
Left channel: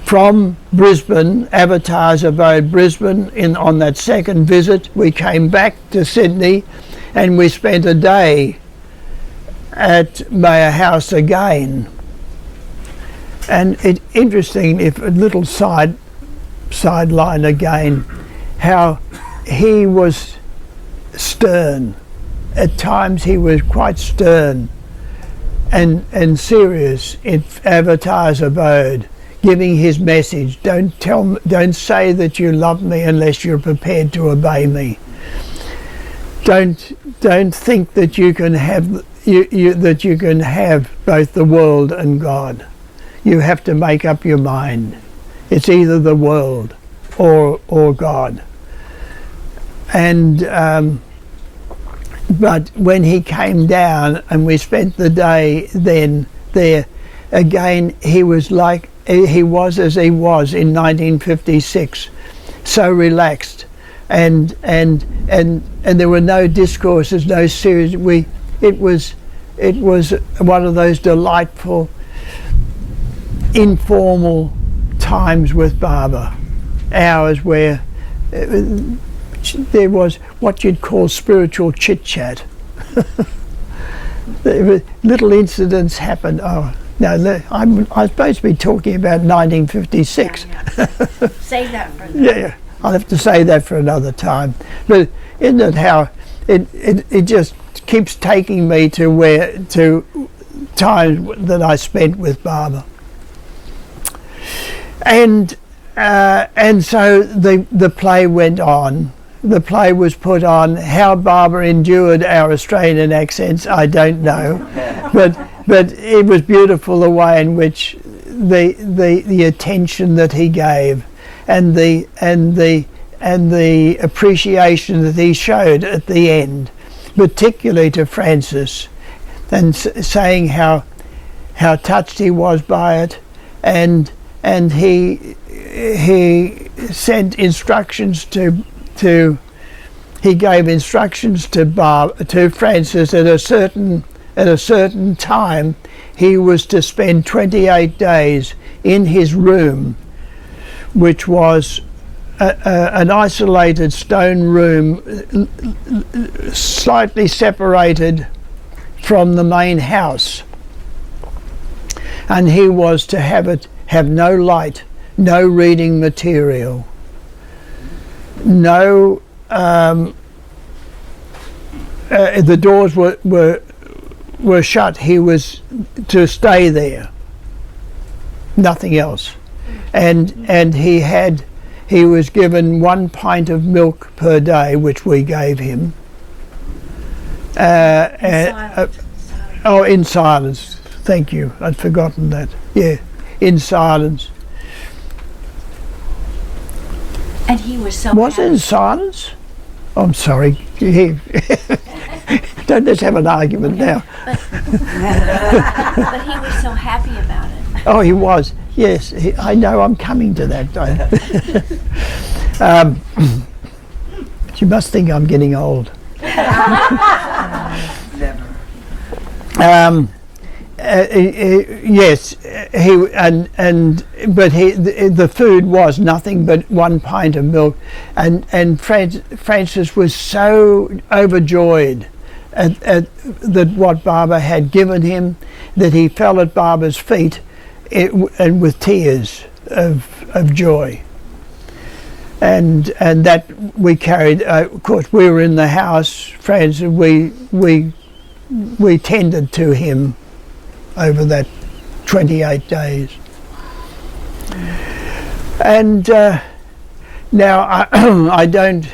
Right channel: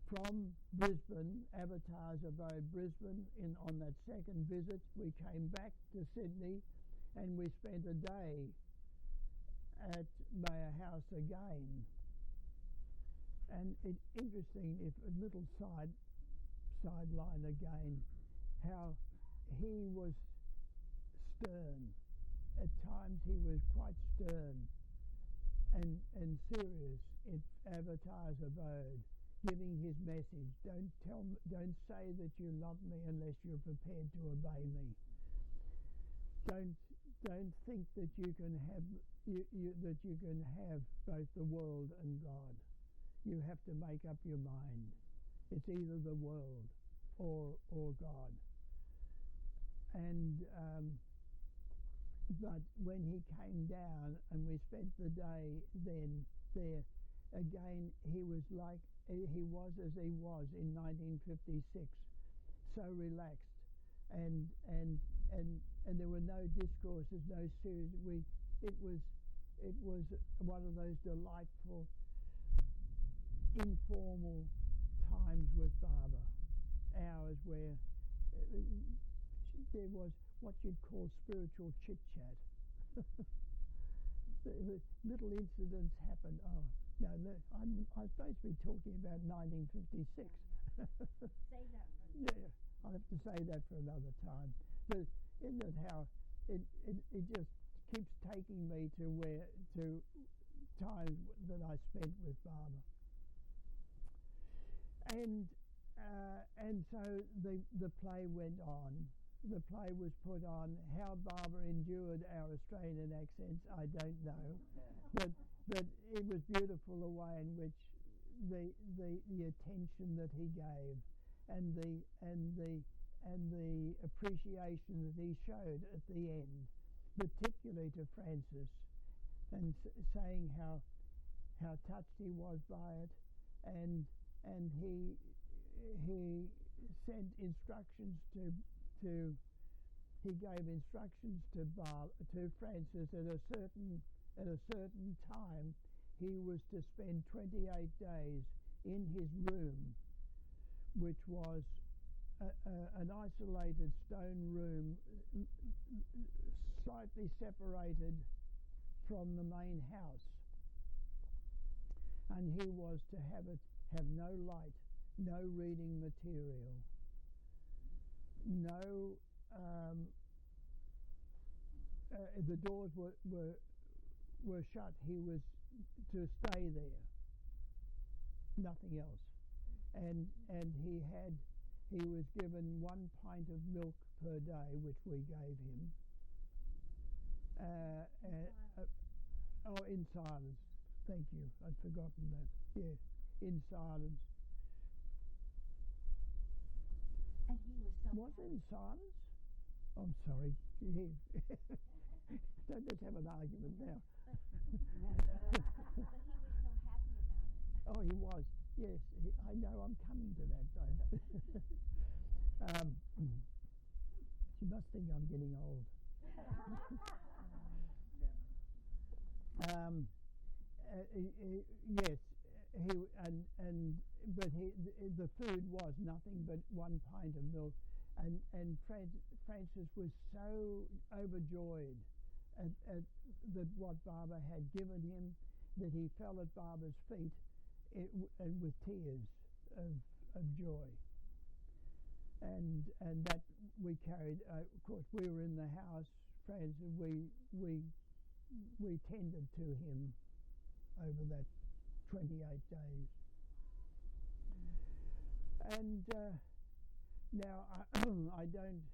from Brisbane, Avatar's abode Brisbane, on that second visit, we came back to Sydney, and we spent a day at Mayor House again. And it's interesting, if a little sideline again, how he was stern. At times he was quite stern and serious in Avatar's abode, giving his message. Don't say that you love me unless you're prepared to obey me. Don't think that you can have that you can have both the world and God. You have to make up your mind. It's either the world or God. And but when he came down and we spent the day then there, again he was like he was as he was in 1956, so relaxed, and there were no discourses, no serious. It was one of those delightful informal times with Barbara, hours where there was what you'd call spiritual chit-chat. Little incidents happened. Oh no, I'm supposed to be talking about 1956. Yeah. Save that for the Yeah, I'll have to say that for another time. But isn't it how it just keeps taking me to times that I spent with Barbara. And so the play went on. The play was put on. How Barbara endured our Australian accents, I don't know, but it was beautiful the way in which the attention that he gave, and the appreciation that he showed at the end, particularly to Frances, and saying how touched he was by it, and he sent instructions he gave instructions to Frances at a certain time. He was to spend 28 days in his room, which was an isolated stone room, slightly separated from the main house, and he was to have no light, no reading material, No, the doors were shut. He was to stay there. Nothing else. And he was given 1 pint of milk per day, which we gave him. In silence. Thank you. I'd forgotten that. Yeah, in silence. And he was so Was it happy. in silence? I'm sorry. Don't let's have an argument now. But he was so happy about it. Oh, he was. Yes, I know. I'm coming to that. You must think I'm getting old. Never. Yes, the food was nothing but 1 pint of milk, and Francis was so overjoyed at that what Barbara had given him that he fell at Barbara's feet, and with tears of joy. And that we carried. Of course, we were in the house, Francis. We tended to him over that 28 days. And now I don't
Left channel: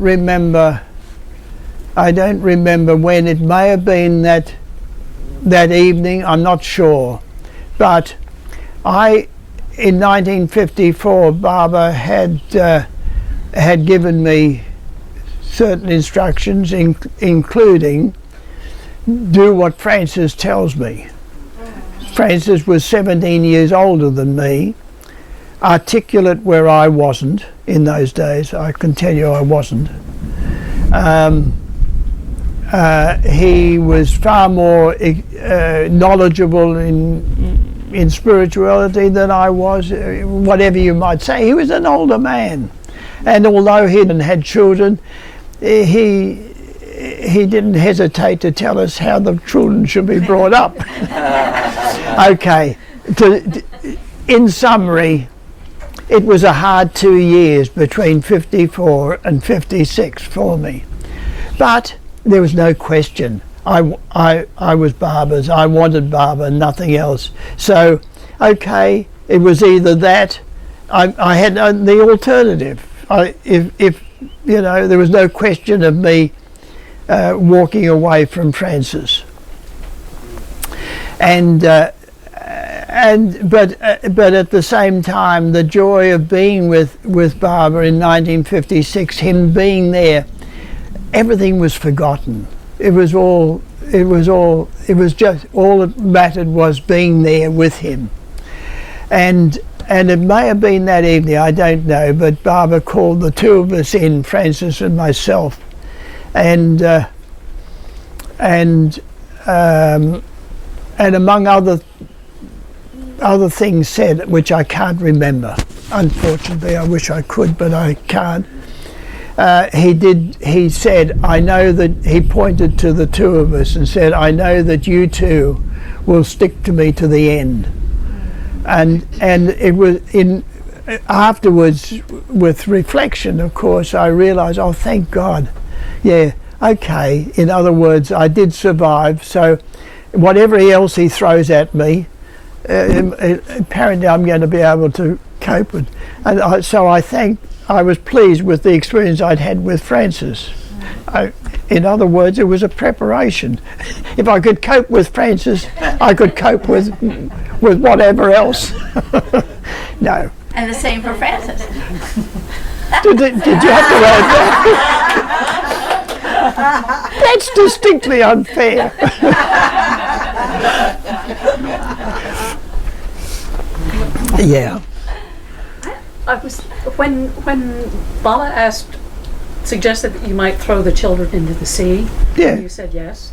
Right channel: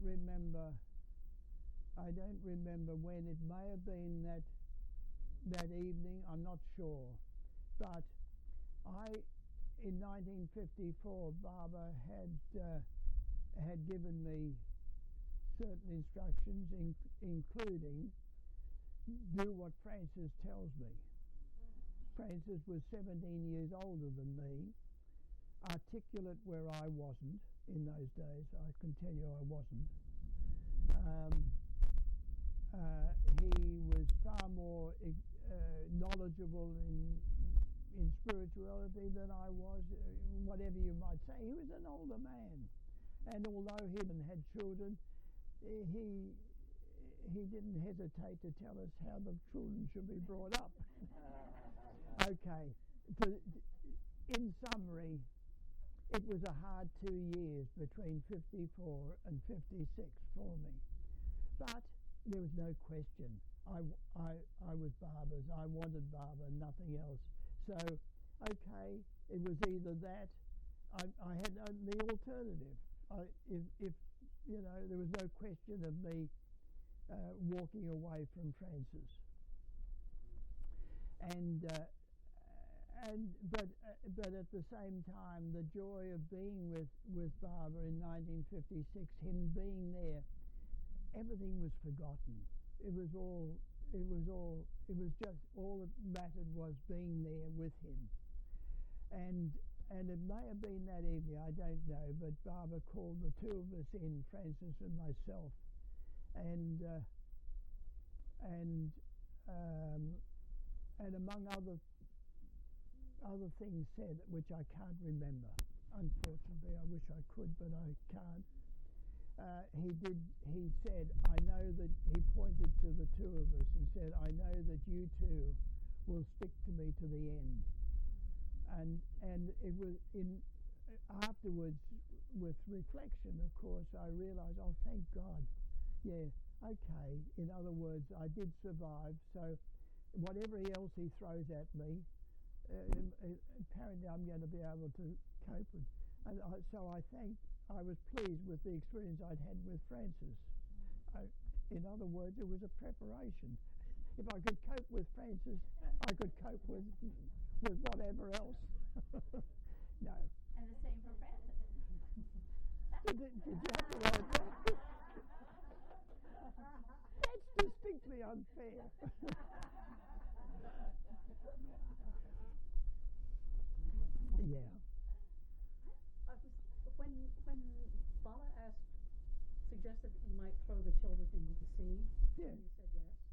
remember when. It may have been that evening. I'm not sure, but in 1954, Barbara had given me certain instructions, including do what Francis tells me. Francis was 17 years older than me, articulate where I wasn't in those days. I can tell you I wasn't. He was far more knowledgeable in spirituality than I was, whatever you might say. He was an older man, and although he had children, he didn't hesitate to tell us how the children should be brought up. Okay, in summary, it was a hard 2 years between 54 and 56 for me, but there was no question. I was Barbara's. I wanted Barbara, nothing else. So, okay, it was either that. I had the alternative. If you know, there was no question of me walking away from Francis. But at the same time, the joy of being with Barbara in 1956, him being there, everything was forgotten. It was just all that mattered was being there with him. And it may have been that evening, I don't know, but Barbara called the two of us in, Francis and myself, and among other things said, which I can't remember. Unfortunately, I wish I could, but I can't. He said, I know that, he pointed to the two of us and said, I know that you two will stick to me to the end. And it was afterwards, with reflection, of course, I realized, oh, thank God. Yeah, okay. In other words, I did survive. So whatever else he throws at me, apparently I'm going to be able to cope with. And I was pleased with the experience I'd had with Francis. In other words, it was a preparation. If I could cope with Francis, I could cope with whatever else. No. And the same for Francis. Did you have to add that? That's distinctly unfair. Yeah. I was when Bala suggested that you might throw the children into the sea. Yeah. And you said yes.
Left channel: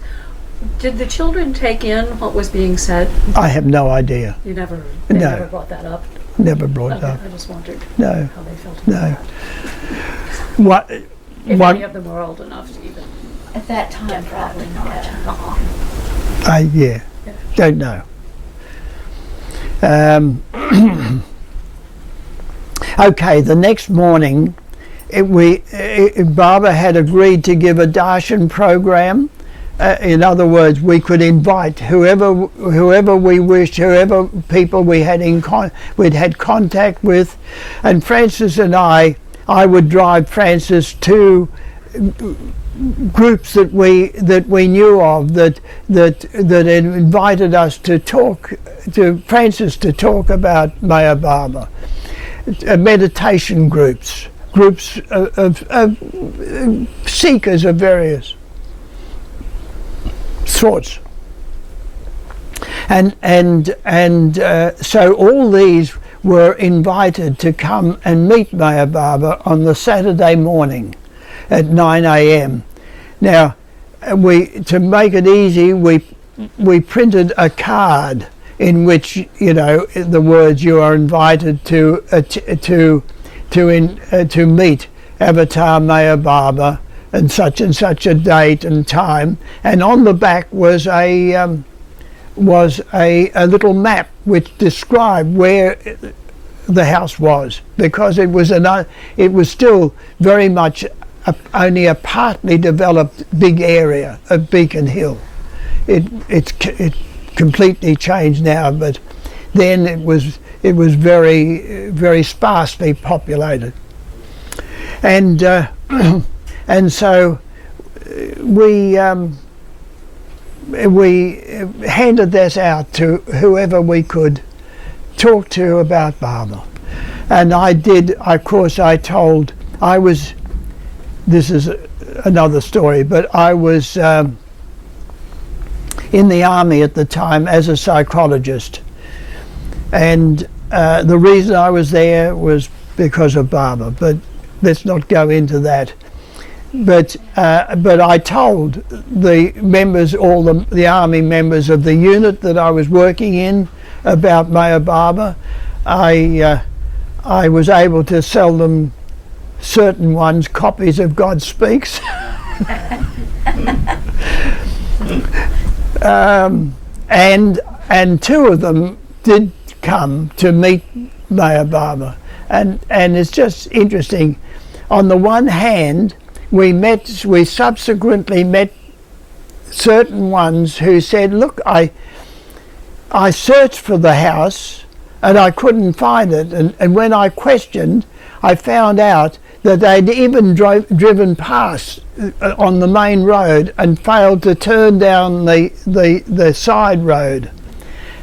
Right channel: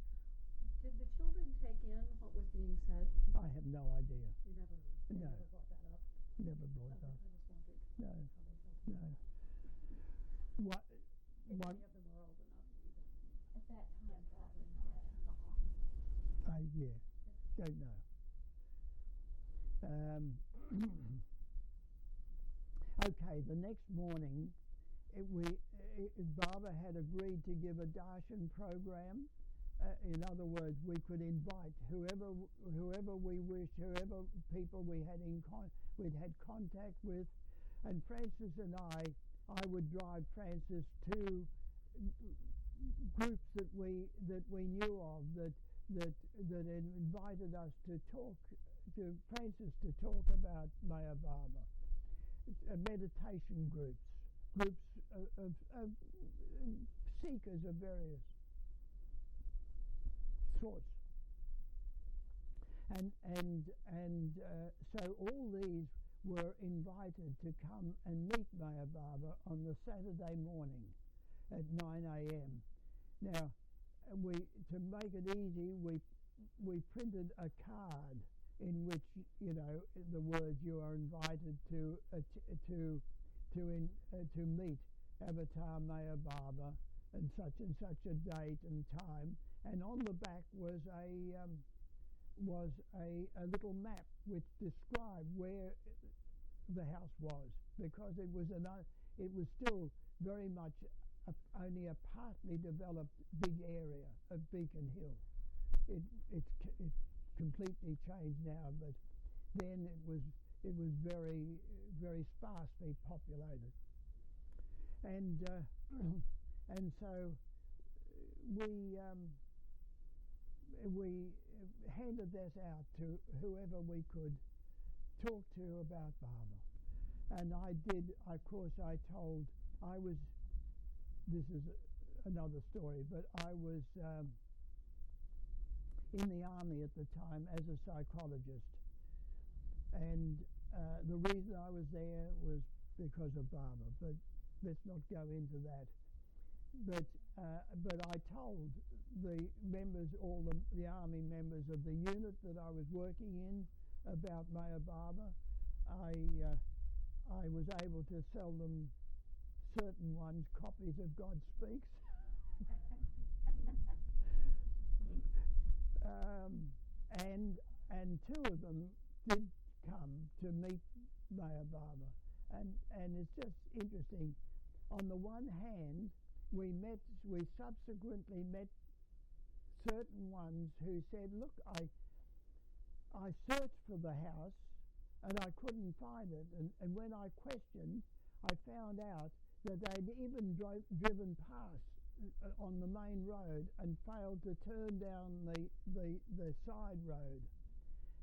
Did the children take in what was being said? I have no idea. They No. never brought that up. Never brought Okay, up. I just wondered No. how they felt. No. What? If What? any of them were old enough to even. At that time, probably not. Yeah. Don't know. Okay. The next morning, Barbara had agreed to give a darshan program. In other words, we could invite whoever we wished, whoever people we'd had contact with, and Frances and I would drive Frances to groups that we knew of that invited us to talk to Frances to talk about Maya Baba, meditation groups of seekers of various sorts, and so all these were invited to come and meet Maya Baba on the Saturday morning at 9 a.m. Now, to make it easy, we printed a card in which, you know, the words, "You are invited to meet Avatar Maya Baba and such a date and time," and on the back was a little map which described where the house was, because it was still very much only a partly developed big area of Beacon Hill. It's completely changed now, but then it was very, very sparsely populated, and so we handed this out to whoever we could talk to about Baba, and this is another story, but I was in the army at the time as a psychologist, and the reason I was there was because of Baba, but let's not go into that. But I told the members, all the army members of the unit that I was working in, about Maya Baba. I was able to sell them, certain ones, copies of God Speaks. And two of them did come to meet Maya Baba, and it's just interesting. On the one hand, we subsequently met certain ones who said, "Look, I searched for the house and I couldn't find it, and when I questioned, I found out that they'd even driven past on the main road and failed to turn down the side road."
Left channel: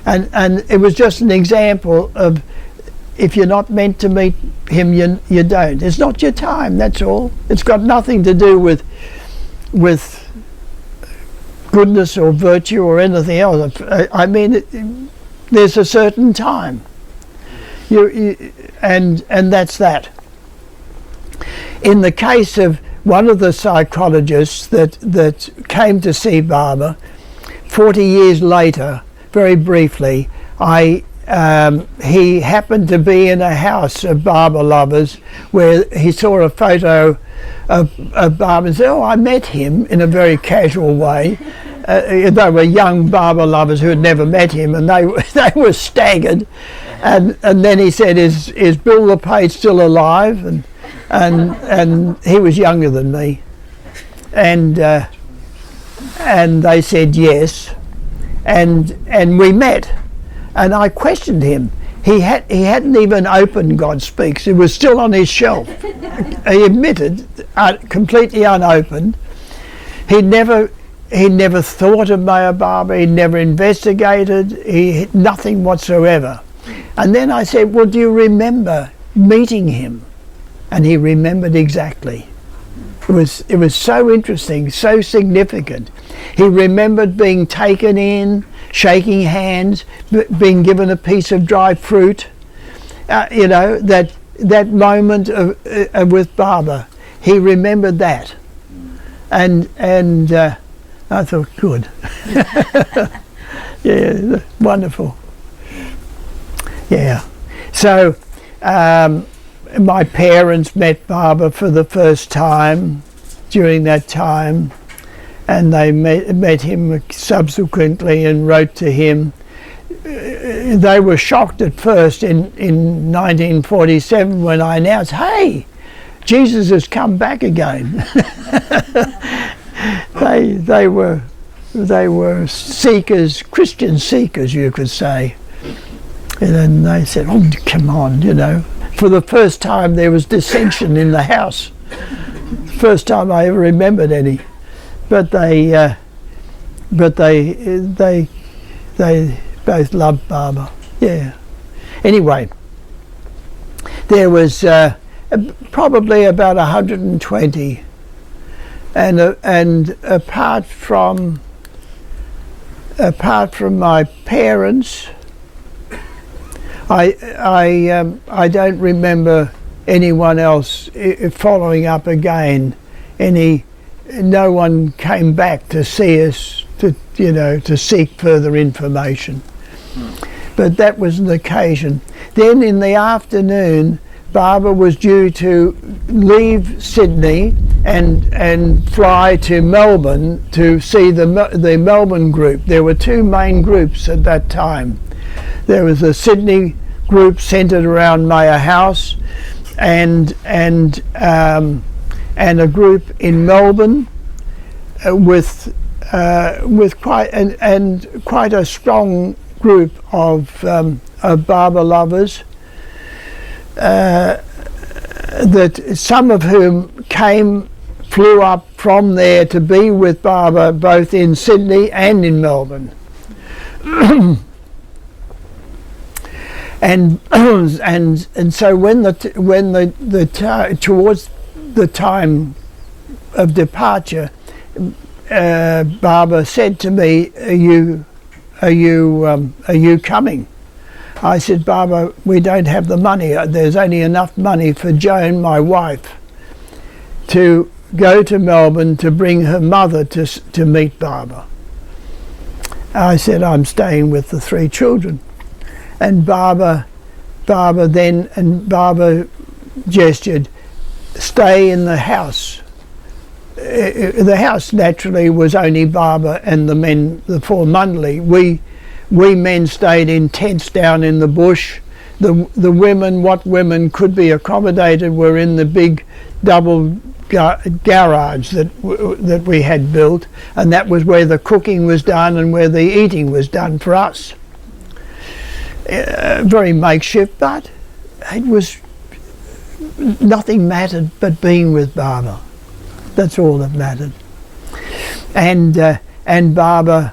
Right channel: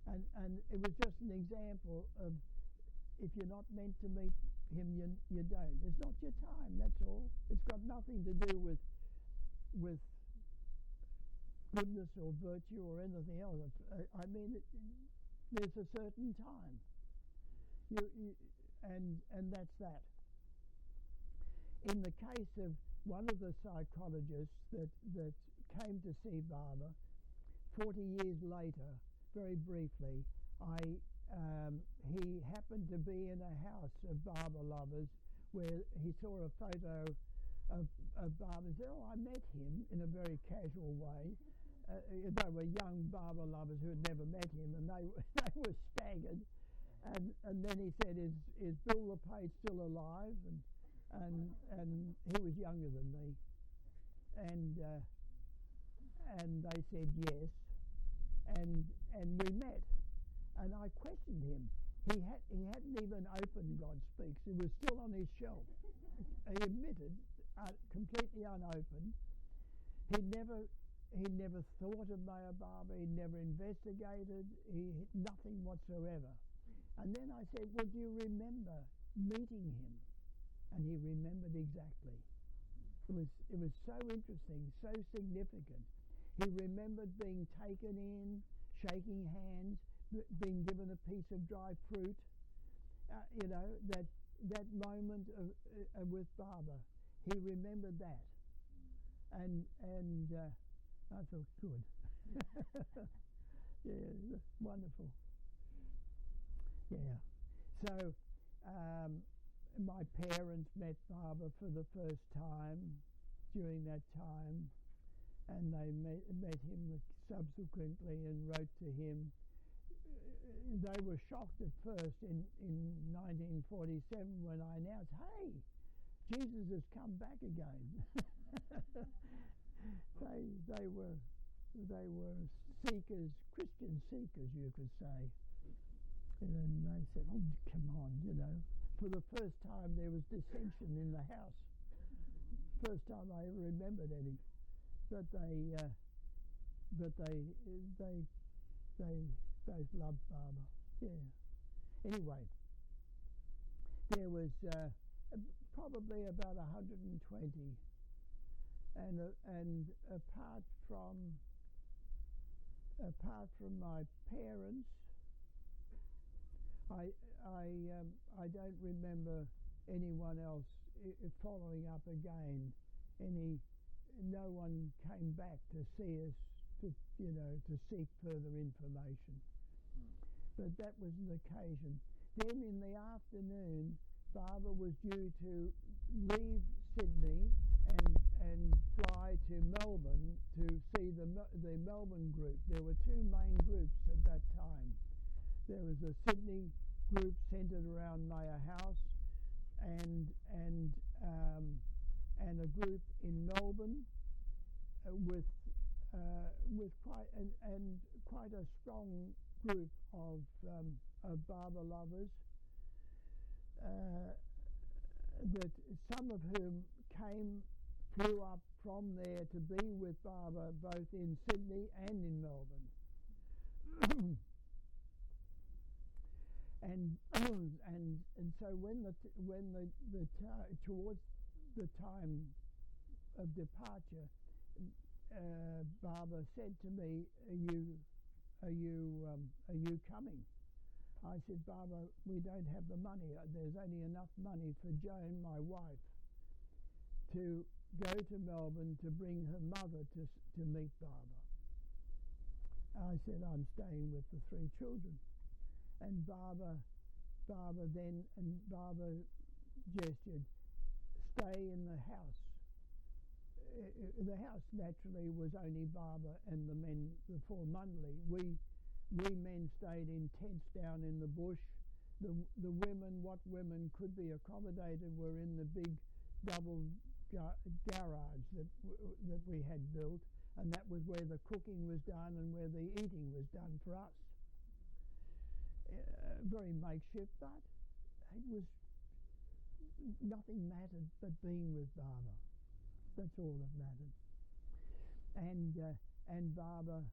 And it was just an example of, if you're not meant to meet him, you don't. It's not your time, that's all. It's got nothing to do with goodness or virtue or anything else. I mean, there's a certain time. And that's that. In the case of one of the psychologists that came to see Baba, 40 years later, very briefly, he happened to be in a house of Baba lovers where he saw a photo of Baba and said, "Oh, I met him," in a very casual way. They were young Baba lovers who had never met him, and they were staggered. And then he said, "Is Bill LePage still alive?" And he was younger than me, and they said yes, and we met, and I questioned him. He hadn't even opened God Speaks. It was still on his shelf. He admitted, completely unopened. He never thought of Maya Baba. He never investigated. Nothing whatsoever. And then I said, "Well, do you remember meeting him?" And he remembered exactly. It was so interesting, so significant. He remembered being taken in, shaking hands, being given a piece of dry fruit. You know, that moment with Baba, he remembered that. And I thought, good. Yeah, wonderful. Yeah. So my parents met Baba for the first time during that time, and they met him subsequently and wrote to him. They were shocked at first in 1947 when I announced, "Hey, Jesus has come back again. they were seekers, Christian seekers, you could say. And then they said, "Oh, come on, you know." For the first time, there was dissension in the house. First time I ever remembered any. But they both loved Barbara. Yeah. Anyway, there was probably about 120, and apart from my parents, I don't remember anyone else following up again. No one came back to see us to seek further information. But that was an occasion. Then in the afternoon, Barbara was due to leave Sydney and fly to Melbourne to see the Melbourne group. There were two main groups at that time. There was a Sydney group centred around Mayor House, and a group in Melbourne with quite a strong group of Barbara lovers, that some of whom flew up from there to be with Barbara both in Sydney and in Melbourne. And so towards the time of departure, Barbara said to me, "Are you coming?" I said, "Barbara, we don't have the money. There's only enough money for Joan, my wife, to go to Melbourne to bring her mother to meet Barbara." I said, "I'm staying with the three children." And Barbara gestured, "Stay in the house." The house naturally was only Barbara and the men, the four Mundley. We men stayed in tents down in the bush. The women, what women could be accommodated, were in the big double garage that we had built, and that was where the cooking was done and where the eating was done for us. Very makeshift, but it was, nothing mattered but being with Barbara. That's all that mattered. And Barbara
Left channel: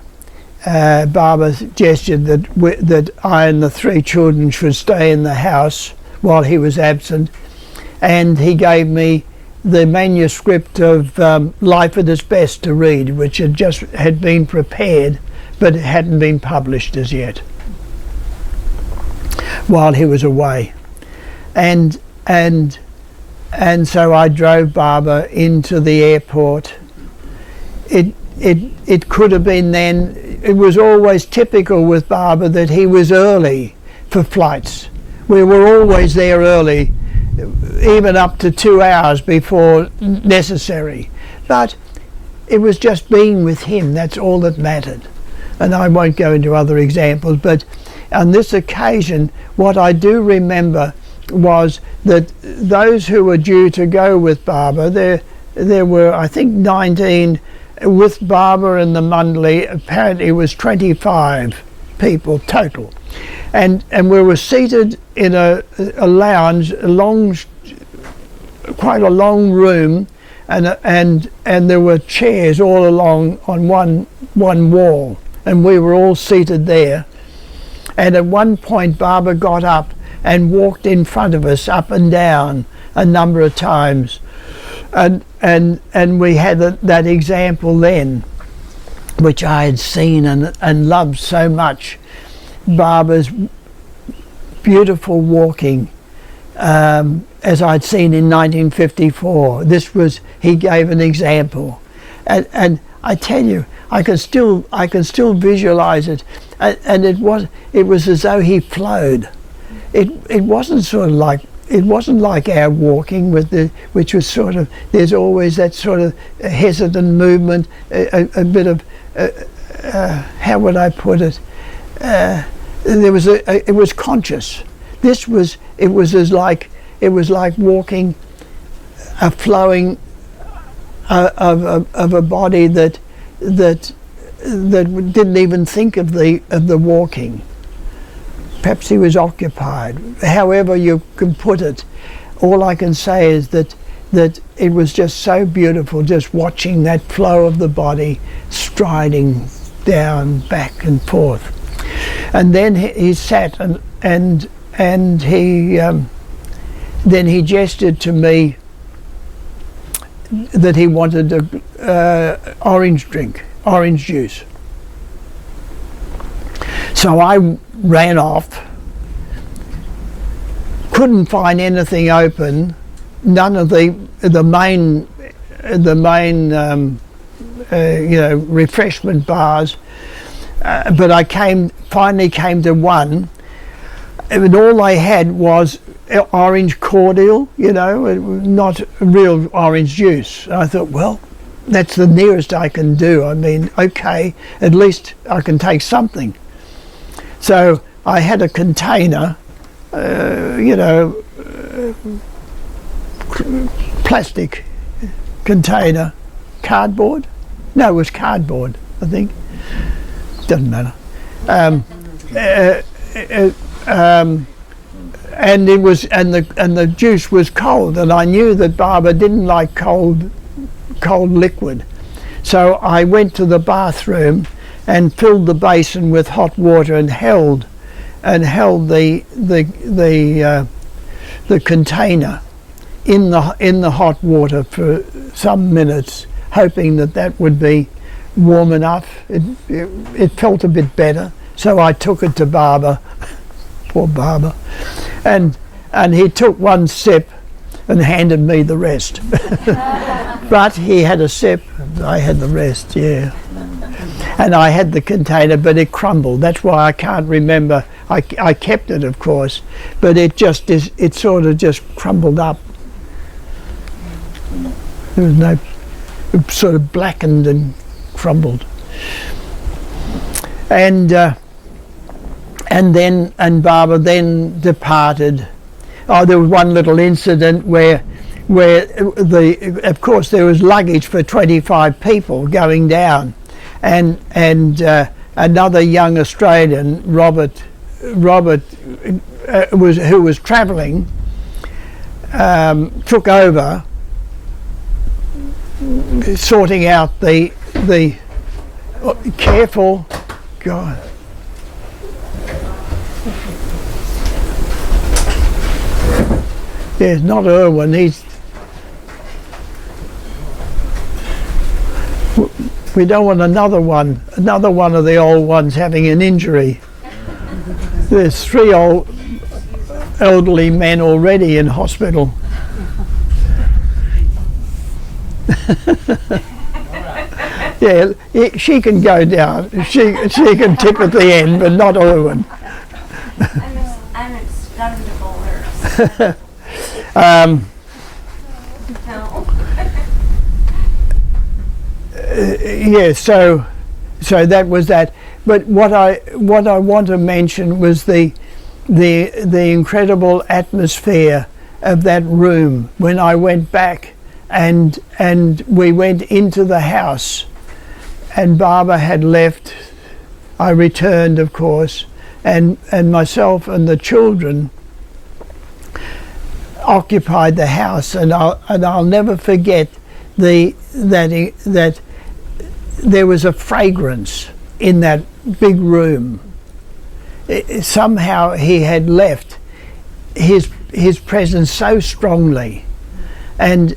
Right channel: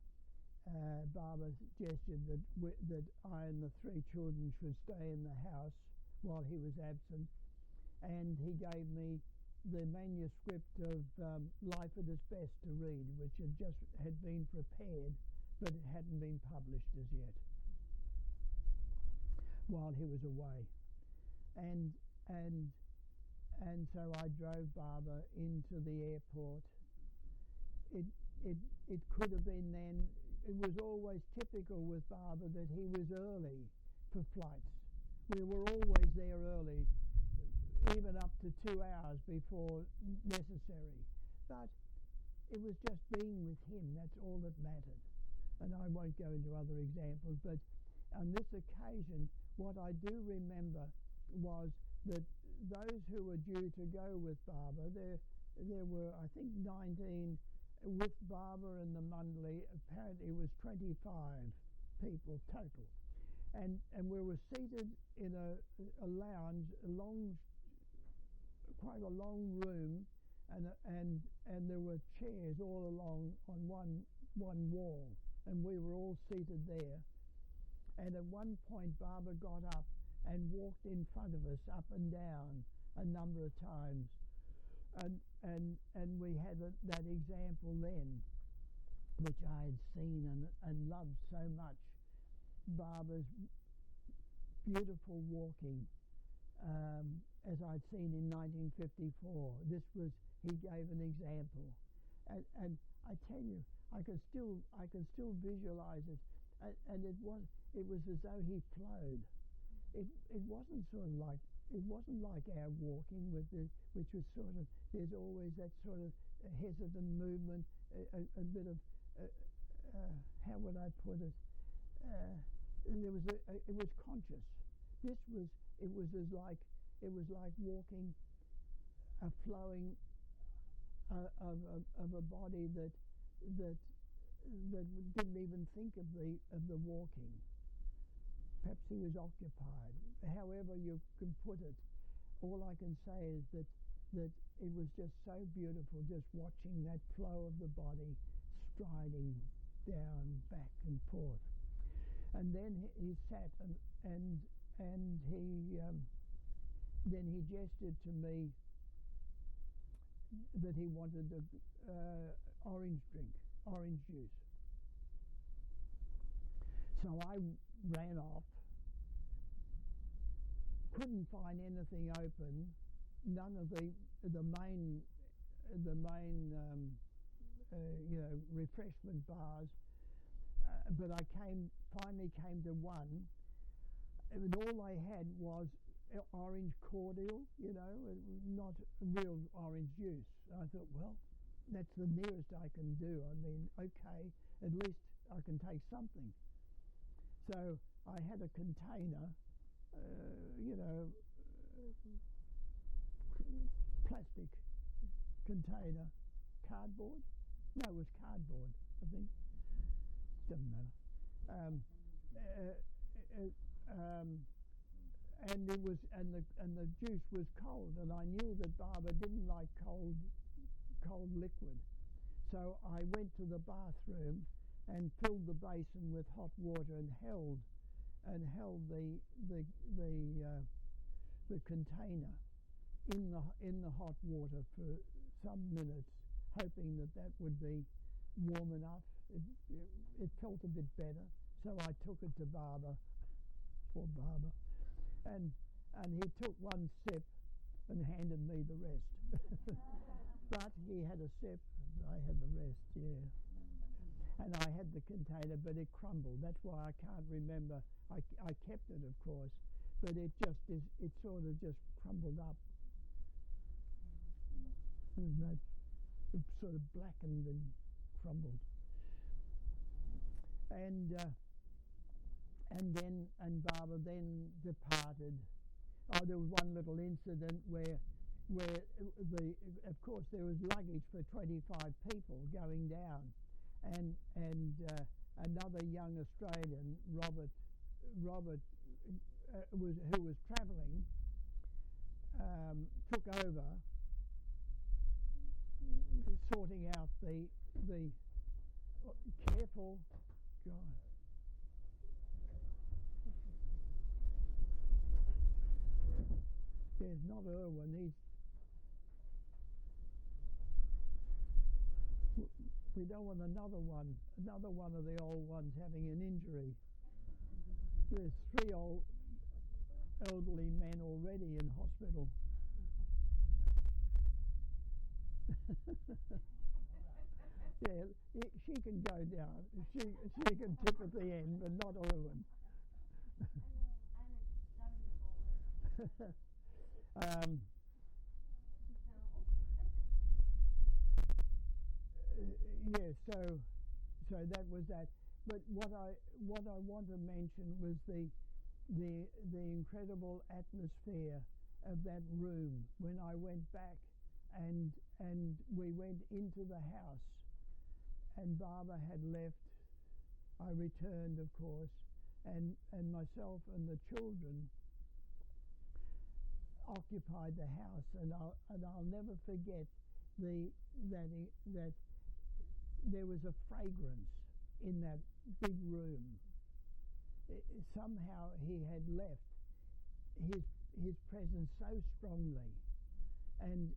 gestured that I and the three children should stay in the house while he was absent, and he gave me the manuscript of Life at its Best to read, which had been prepared, but it hadn't been published as yet, while he was away. And so I drove Barbara into the airport. It could have been then, it was always typical with Barbara that he was early for flights. We were always there early, even up to 2 hours before necessary. But it was just being with him, that's all that mattered. And I won't go into other examples, but on this occasion, what I do remember was that those who were due to go with Barbara, there were, I think, 19 with Barbara and the Mundley. Apparently it was 25 people total, and we were seated in a lounge, quite a long room, and there were chairs all along on one wall, and we were all seated there. And at one point Barbara got up and walked in front of us up and down a number of times, and we had that example then, which I had seen and loved so much. Barbara's beautiful walking, as I'd seen in 1954. He gave an example, and I tell you, I can still visualize it, and it was as though he flowed. It wasn't sort of like, it wasn't like our walking which was sort of, there's always that sort of hesitant movement, a bit of how would I put it? It was conscious. It was like walking a flowing of a body that didn't even think of the walking. Perhaps he was occupied. However you can put it, all I can say is that it was just so beautiful, just watching that flow of the body striding down, back and forth. And then he sat and he then he gestured to me that he wanted a orange juice. So I ran off, couldn't find anything open, none of the main refreshment bars, but I finally came to one, and all they had was orange cordial, not real orange juice. I thought, well, that's the nearest I can do. I mean, okay, at least I can take something. So I had a container, plastic container, cardboard. No, it was cardboard, I think. Doesn't matter. And it was, and the juice was cold, and I knew that Barbara didn't like cold liquid. So I went to the bathroom and filled the basin with hot water and held the container in the hot water for some minutes, hoping that would be warm enough. It felt a bit better, so I took it to Barbara. Poor Barbara. And he took one sip and handed me the rest. But he had a sip, and I had the rest, yeah. And I had the container, but it crumbled. That's why I can't remember. I kept it, of course, but it sort of just crumbled up. There was no, it sort of blackened and crumbled. And Barbara then departed. Oh, there was one little incident where of course there was luggage for 25 people going down, and another young Australian, Robert, who was travelling, took over, sorting out the careful, God. Yeah, not Irwin. We don't want another one of the old ones having an injury. There's 3 old elderly men already in hospital. Yeah, she can go down. She can tip at the end, but not Irwin. I'm expendable nurse. No. Yeah, so that was that. But what I want to mention was the incredible atmosphere of that room when I went back and we went into the house, and Barbara had left. I returned, of course, and myself and the children occupied the house, and I'll never forget that there was a fragrance in that big room. Somehow he had left his presence so strongly, and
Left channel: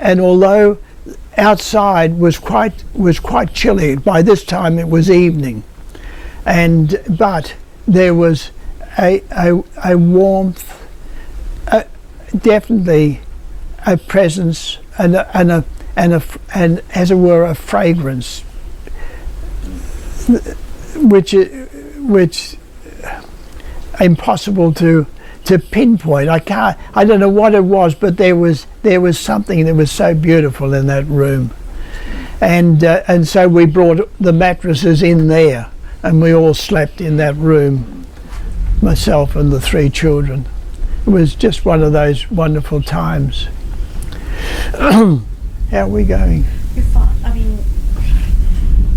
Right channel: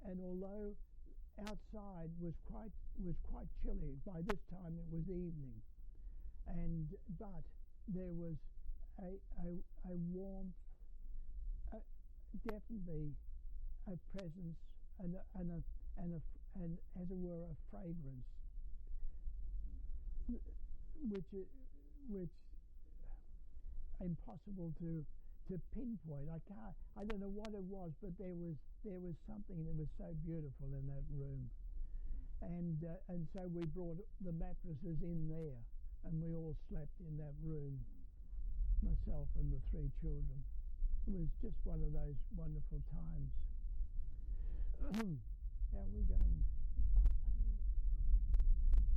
although outside was quite chilly, by this time it was evening, but there was a warmth, definitely a presence, and as it were a fragrance, which impossible to pinpoint. I don't know what it was, but there was something that was so beautiful in that room, and so we brought the mattresses in there, and we all slept in that room, myself and the 3 children. it was just one of those wonderful times. How are we going? You're fine. I mean,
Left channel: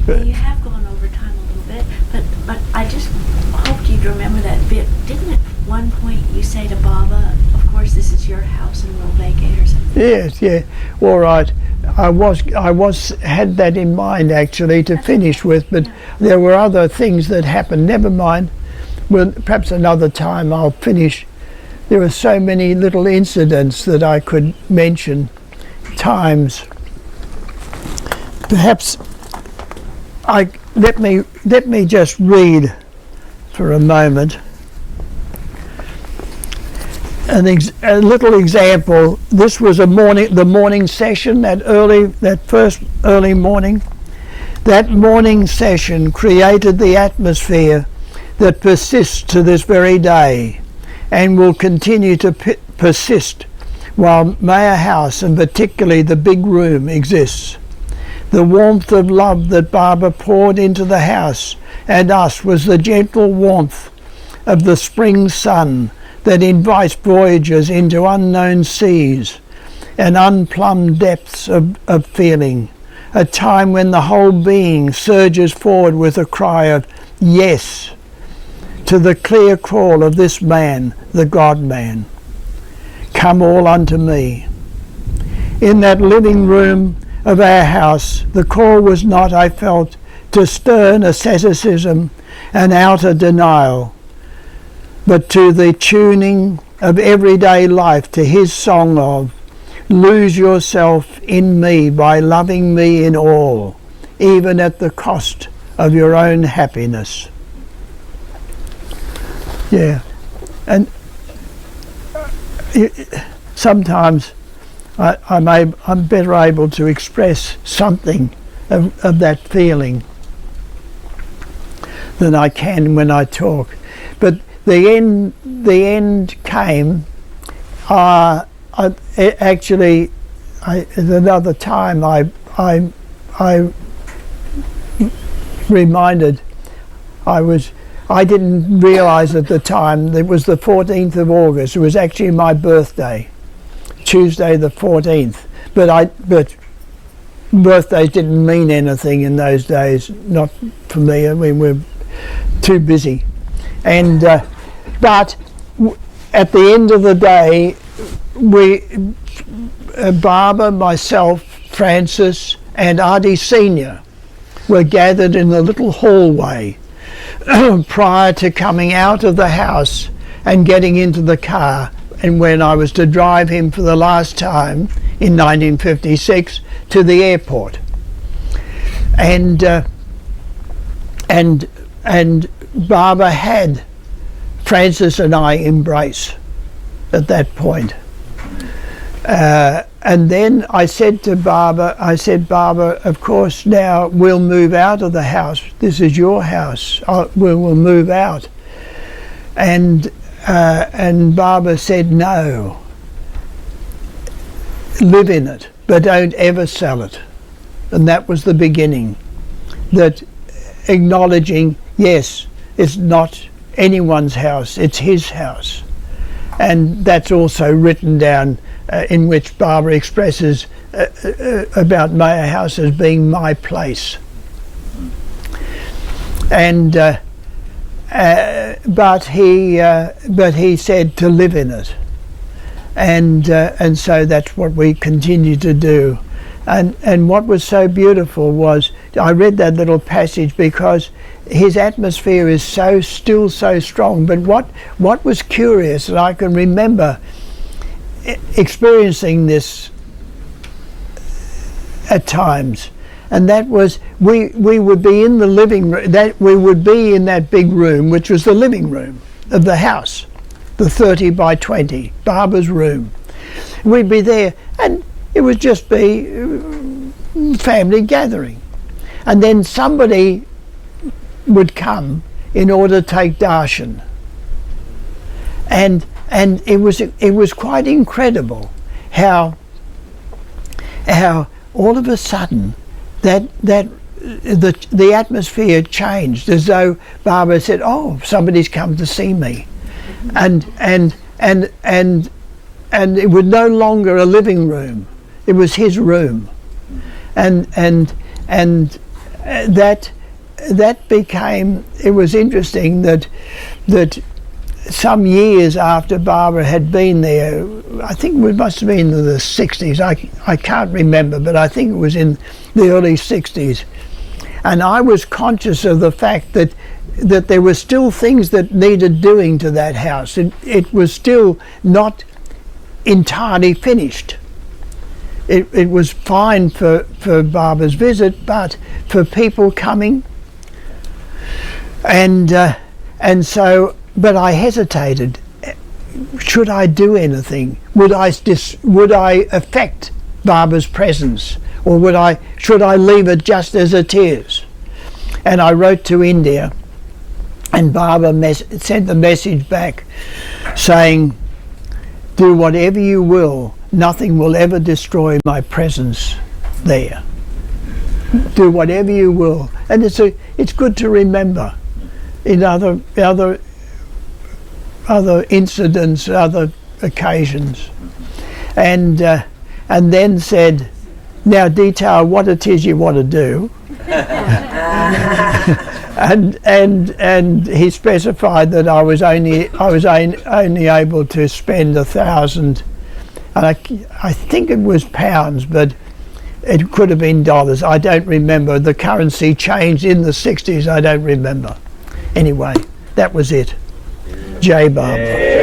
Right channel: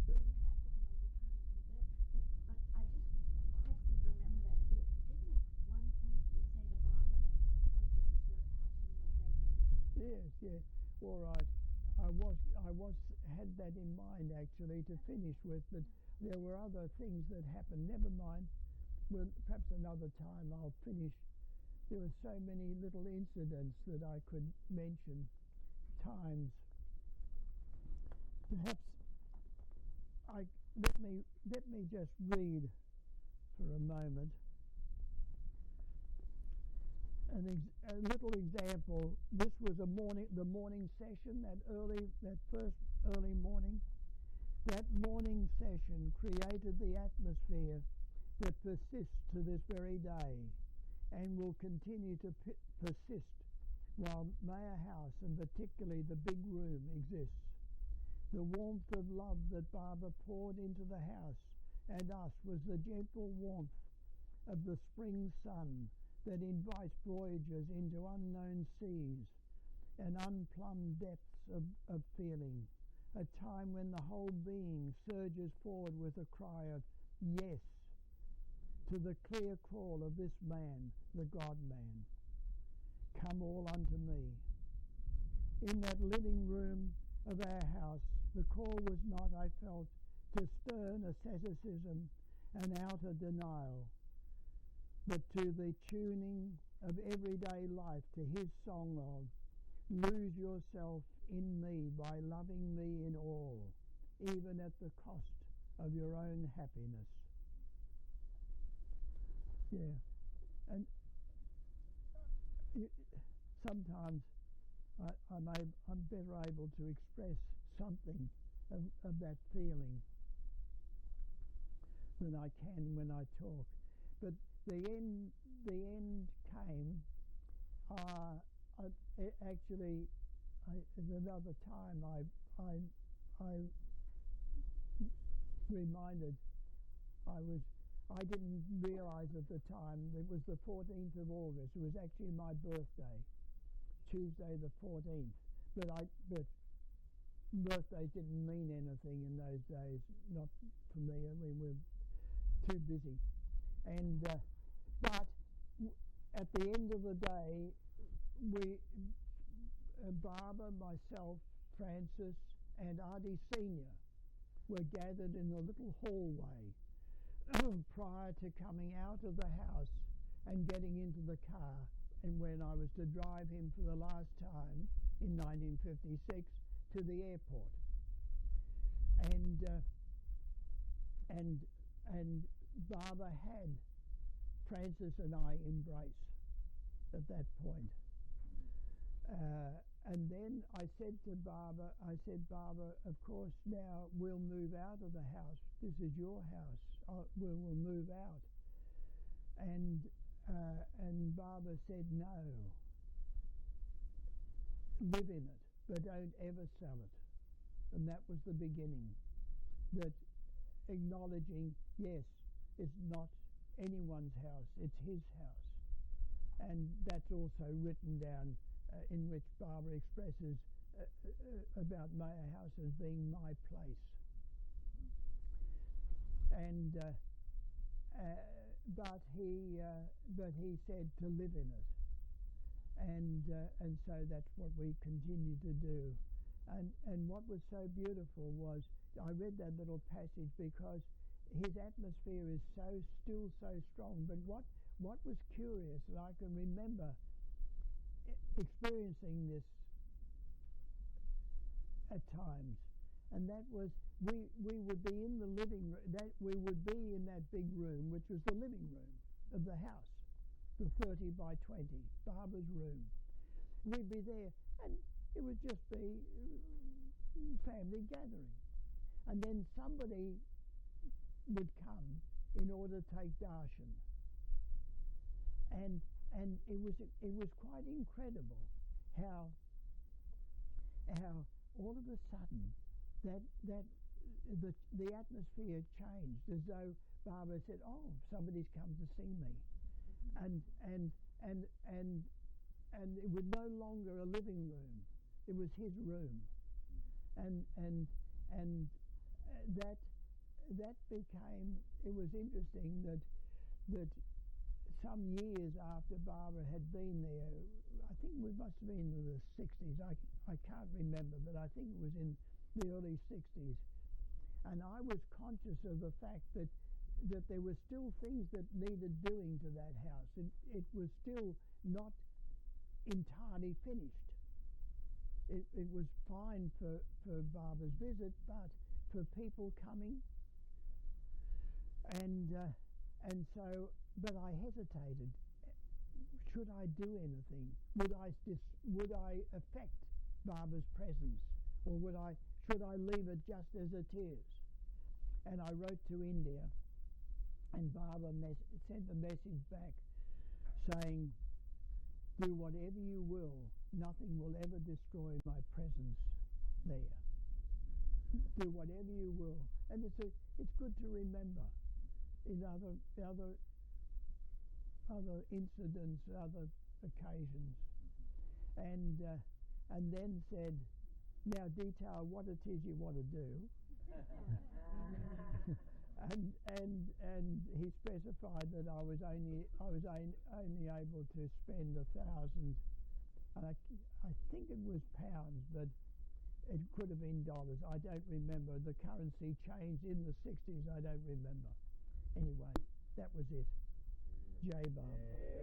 you have gone over time a little bit, but I just hoped you'd remember that bit. Didn't at one point you say to Baba, of course this is your house and we'll vacate or something? Yes, yeah. All right. I had that in mind actually to finish with, but there were other things that happened. Never mind. Well, perhaps another time I'll finish. There are so many little incidents that I could mention, times. Perhaps let me just read for a moment a little example. This was the morning session, that first early morning. That morning session created the atmosphere that persists to this very day and will continue to persist while Mayer House, and particularly the big room, exists. The warmth of love that Barbara poured into the house and us was the gentle warmth of the spring sun that invites voyagers into unknown seas and unplumbed depths of feeling, a time when the whole being surges forward with a cry of yes to the clear call of this man, the God-man. Come all unto me. In that living room of our house, the call was not, I felt, to stern asceticism and outer denial, but to the tuning of everyday life to his song of, lose yourself in me by loving me in all, even at the cost of your own happiness. Yeah, and sometimes I'm better able to express something of that feeling than I can when I talk. But the end came. Another time I reminded, I didn't realise at the time it was the 14th of August. It was actually my birthday, Tuesday the 14th. But birthdays didn't mean anything in those days, not for me. I mean, we're too busy. And but at the end of the day, Barbara, myself, Francis, and Artie Senior were gathered in the little hallway prior to coming out of the house and getting into the car, and when I was to drive him for the last time in 1956 to the airport. And Barbara had Francis and I embrace at that point. And then I said to Barbara, Barbara, of course now we'll move out of the house. This is your house. We will move out. And Barbara said, no, live in it, but don't ever sell it. And that was the beginning. That acknowledging, yes, it's not anyone's house, it's his house. And that's also written down in which Barbara expresses about Mayer House as being my place. And but he said to live in it, and so that's what we continue to do. And what was so beautiful was, I read that little passage because his atmosphere is still so strong. But what was curious, and I can remember experiencing this at times, and that was we would be in the living room, that we would be in that big room, which was the living room of the house, the 30 by 20, Barbara's room. We'd be there, and it would just be family gathering, and then somebody would come in order to take darshan, and it was quite incredible how all of a sudden that the atmosphere changed, as though Barbara said, oh, somebody's come to see me. And and it was no longer a living room. It was his room, and that became. It was interesting that some years after Barbara had been there, I think it must have been in the 60s. I can't remember, but I think it was in the early 60s, and I was conscious of the fact that there were still things that needed doing to that house. It was still not entirely finished. It was fine for Barbara's visit, but for people coming, and so, but I hesitated. Should I do anything? Would I affect Barbara's presence, or should I leave it just as it is? And I wrote to India, and Barbara sent the message back saying, do whatever you will, nothing will ever destroy my presence there. Do whatever you will. And it's good to remember in other incidents, other occasions. And then said, now detail what it is you want to do. and he specified that I was only able to spend 1,000, and I think it was pounds, but it could have been dollars. I don't remember. The currency changed in the 60s. I don't remember. Anyway, that was it. J. Barbara.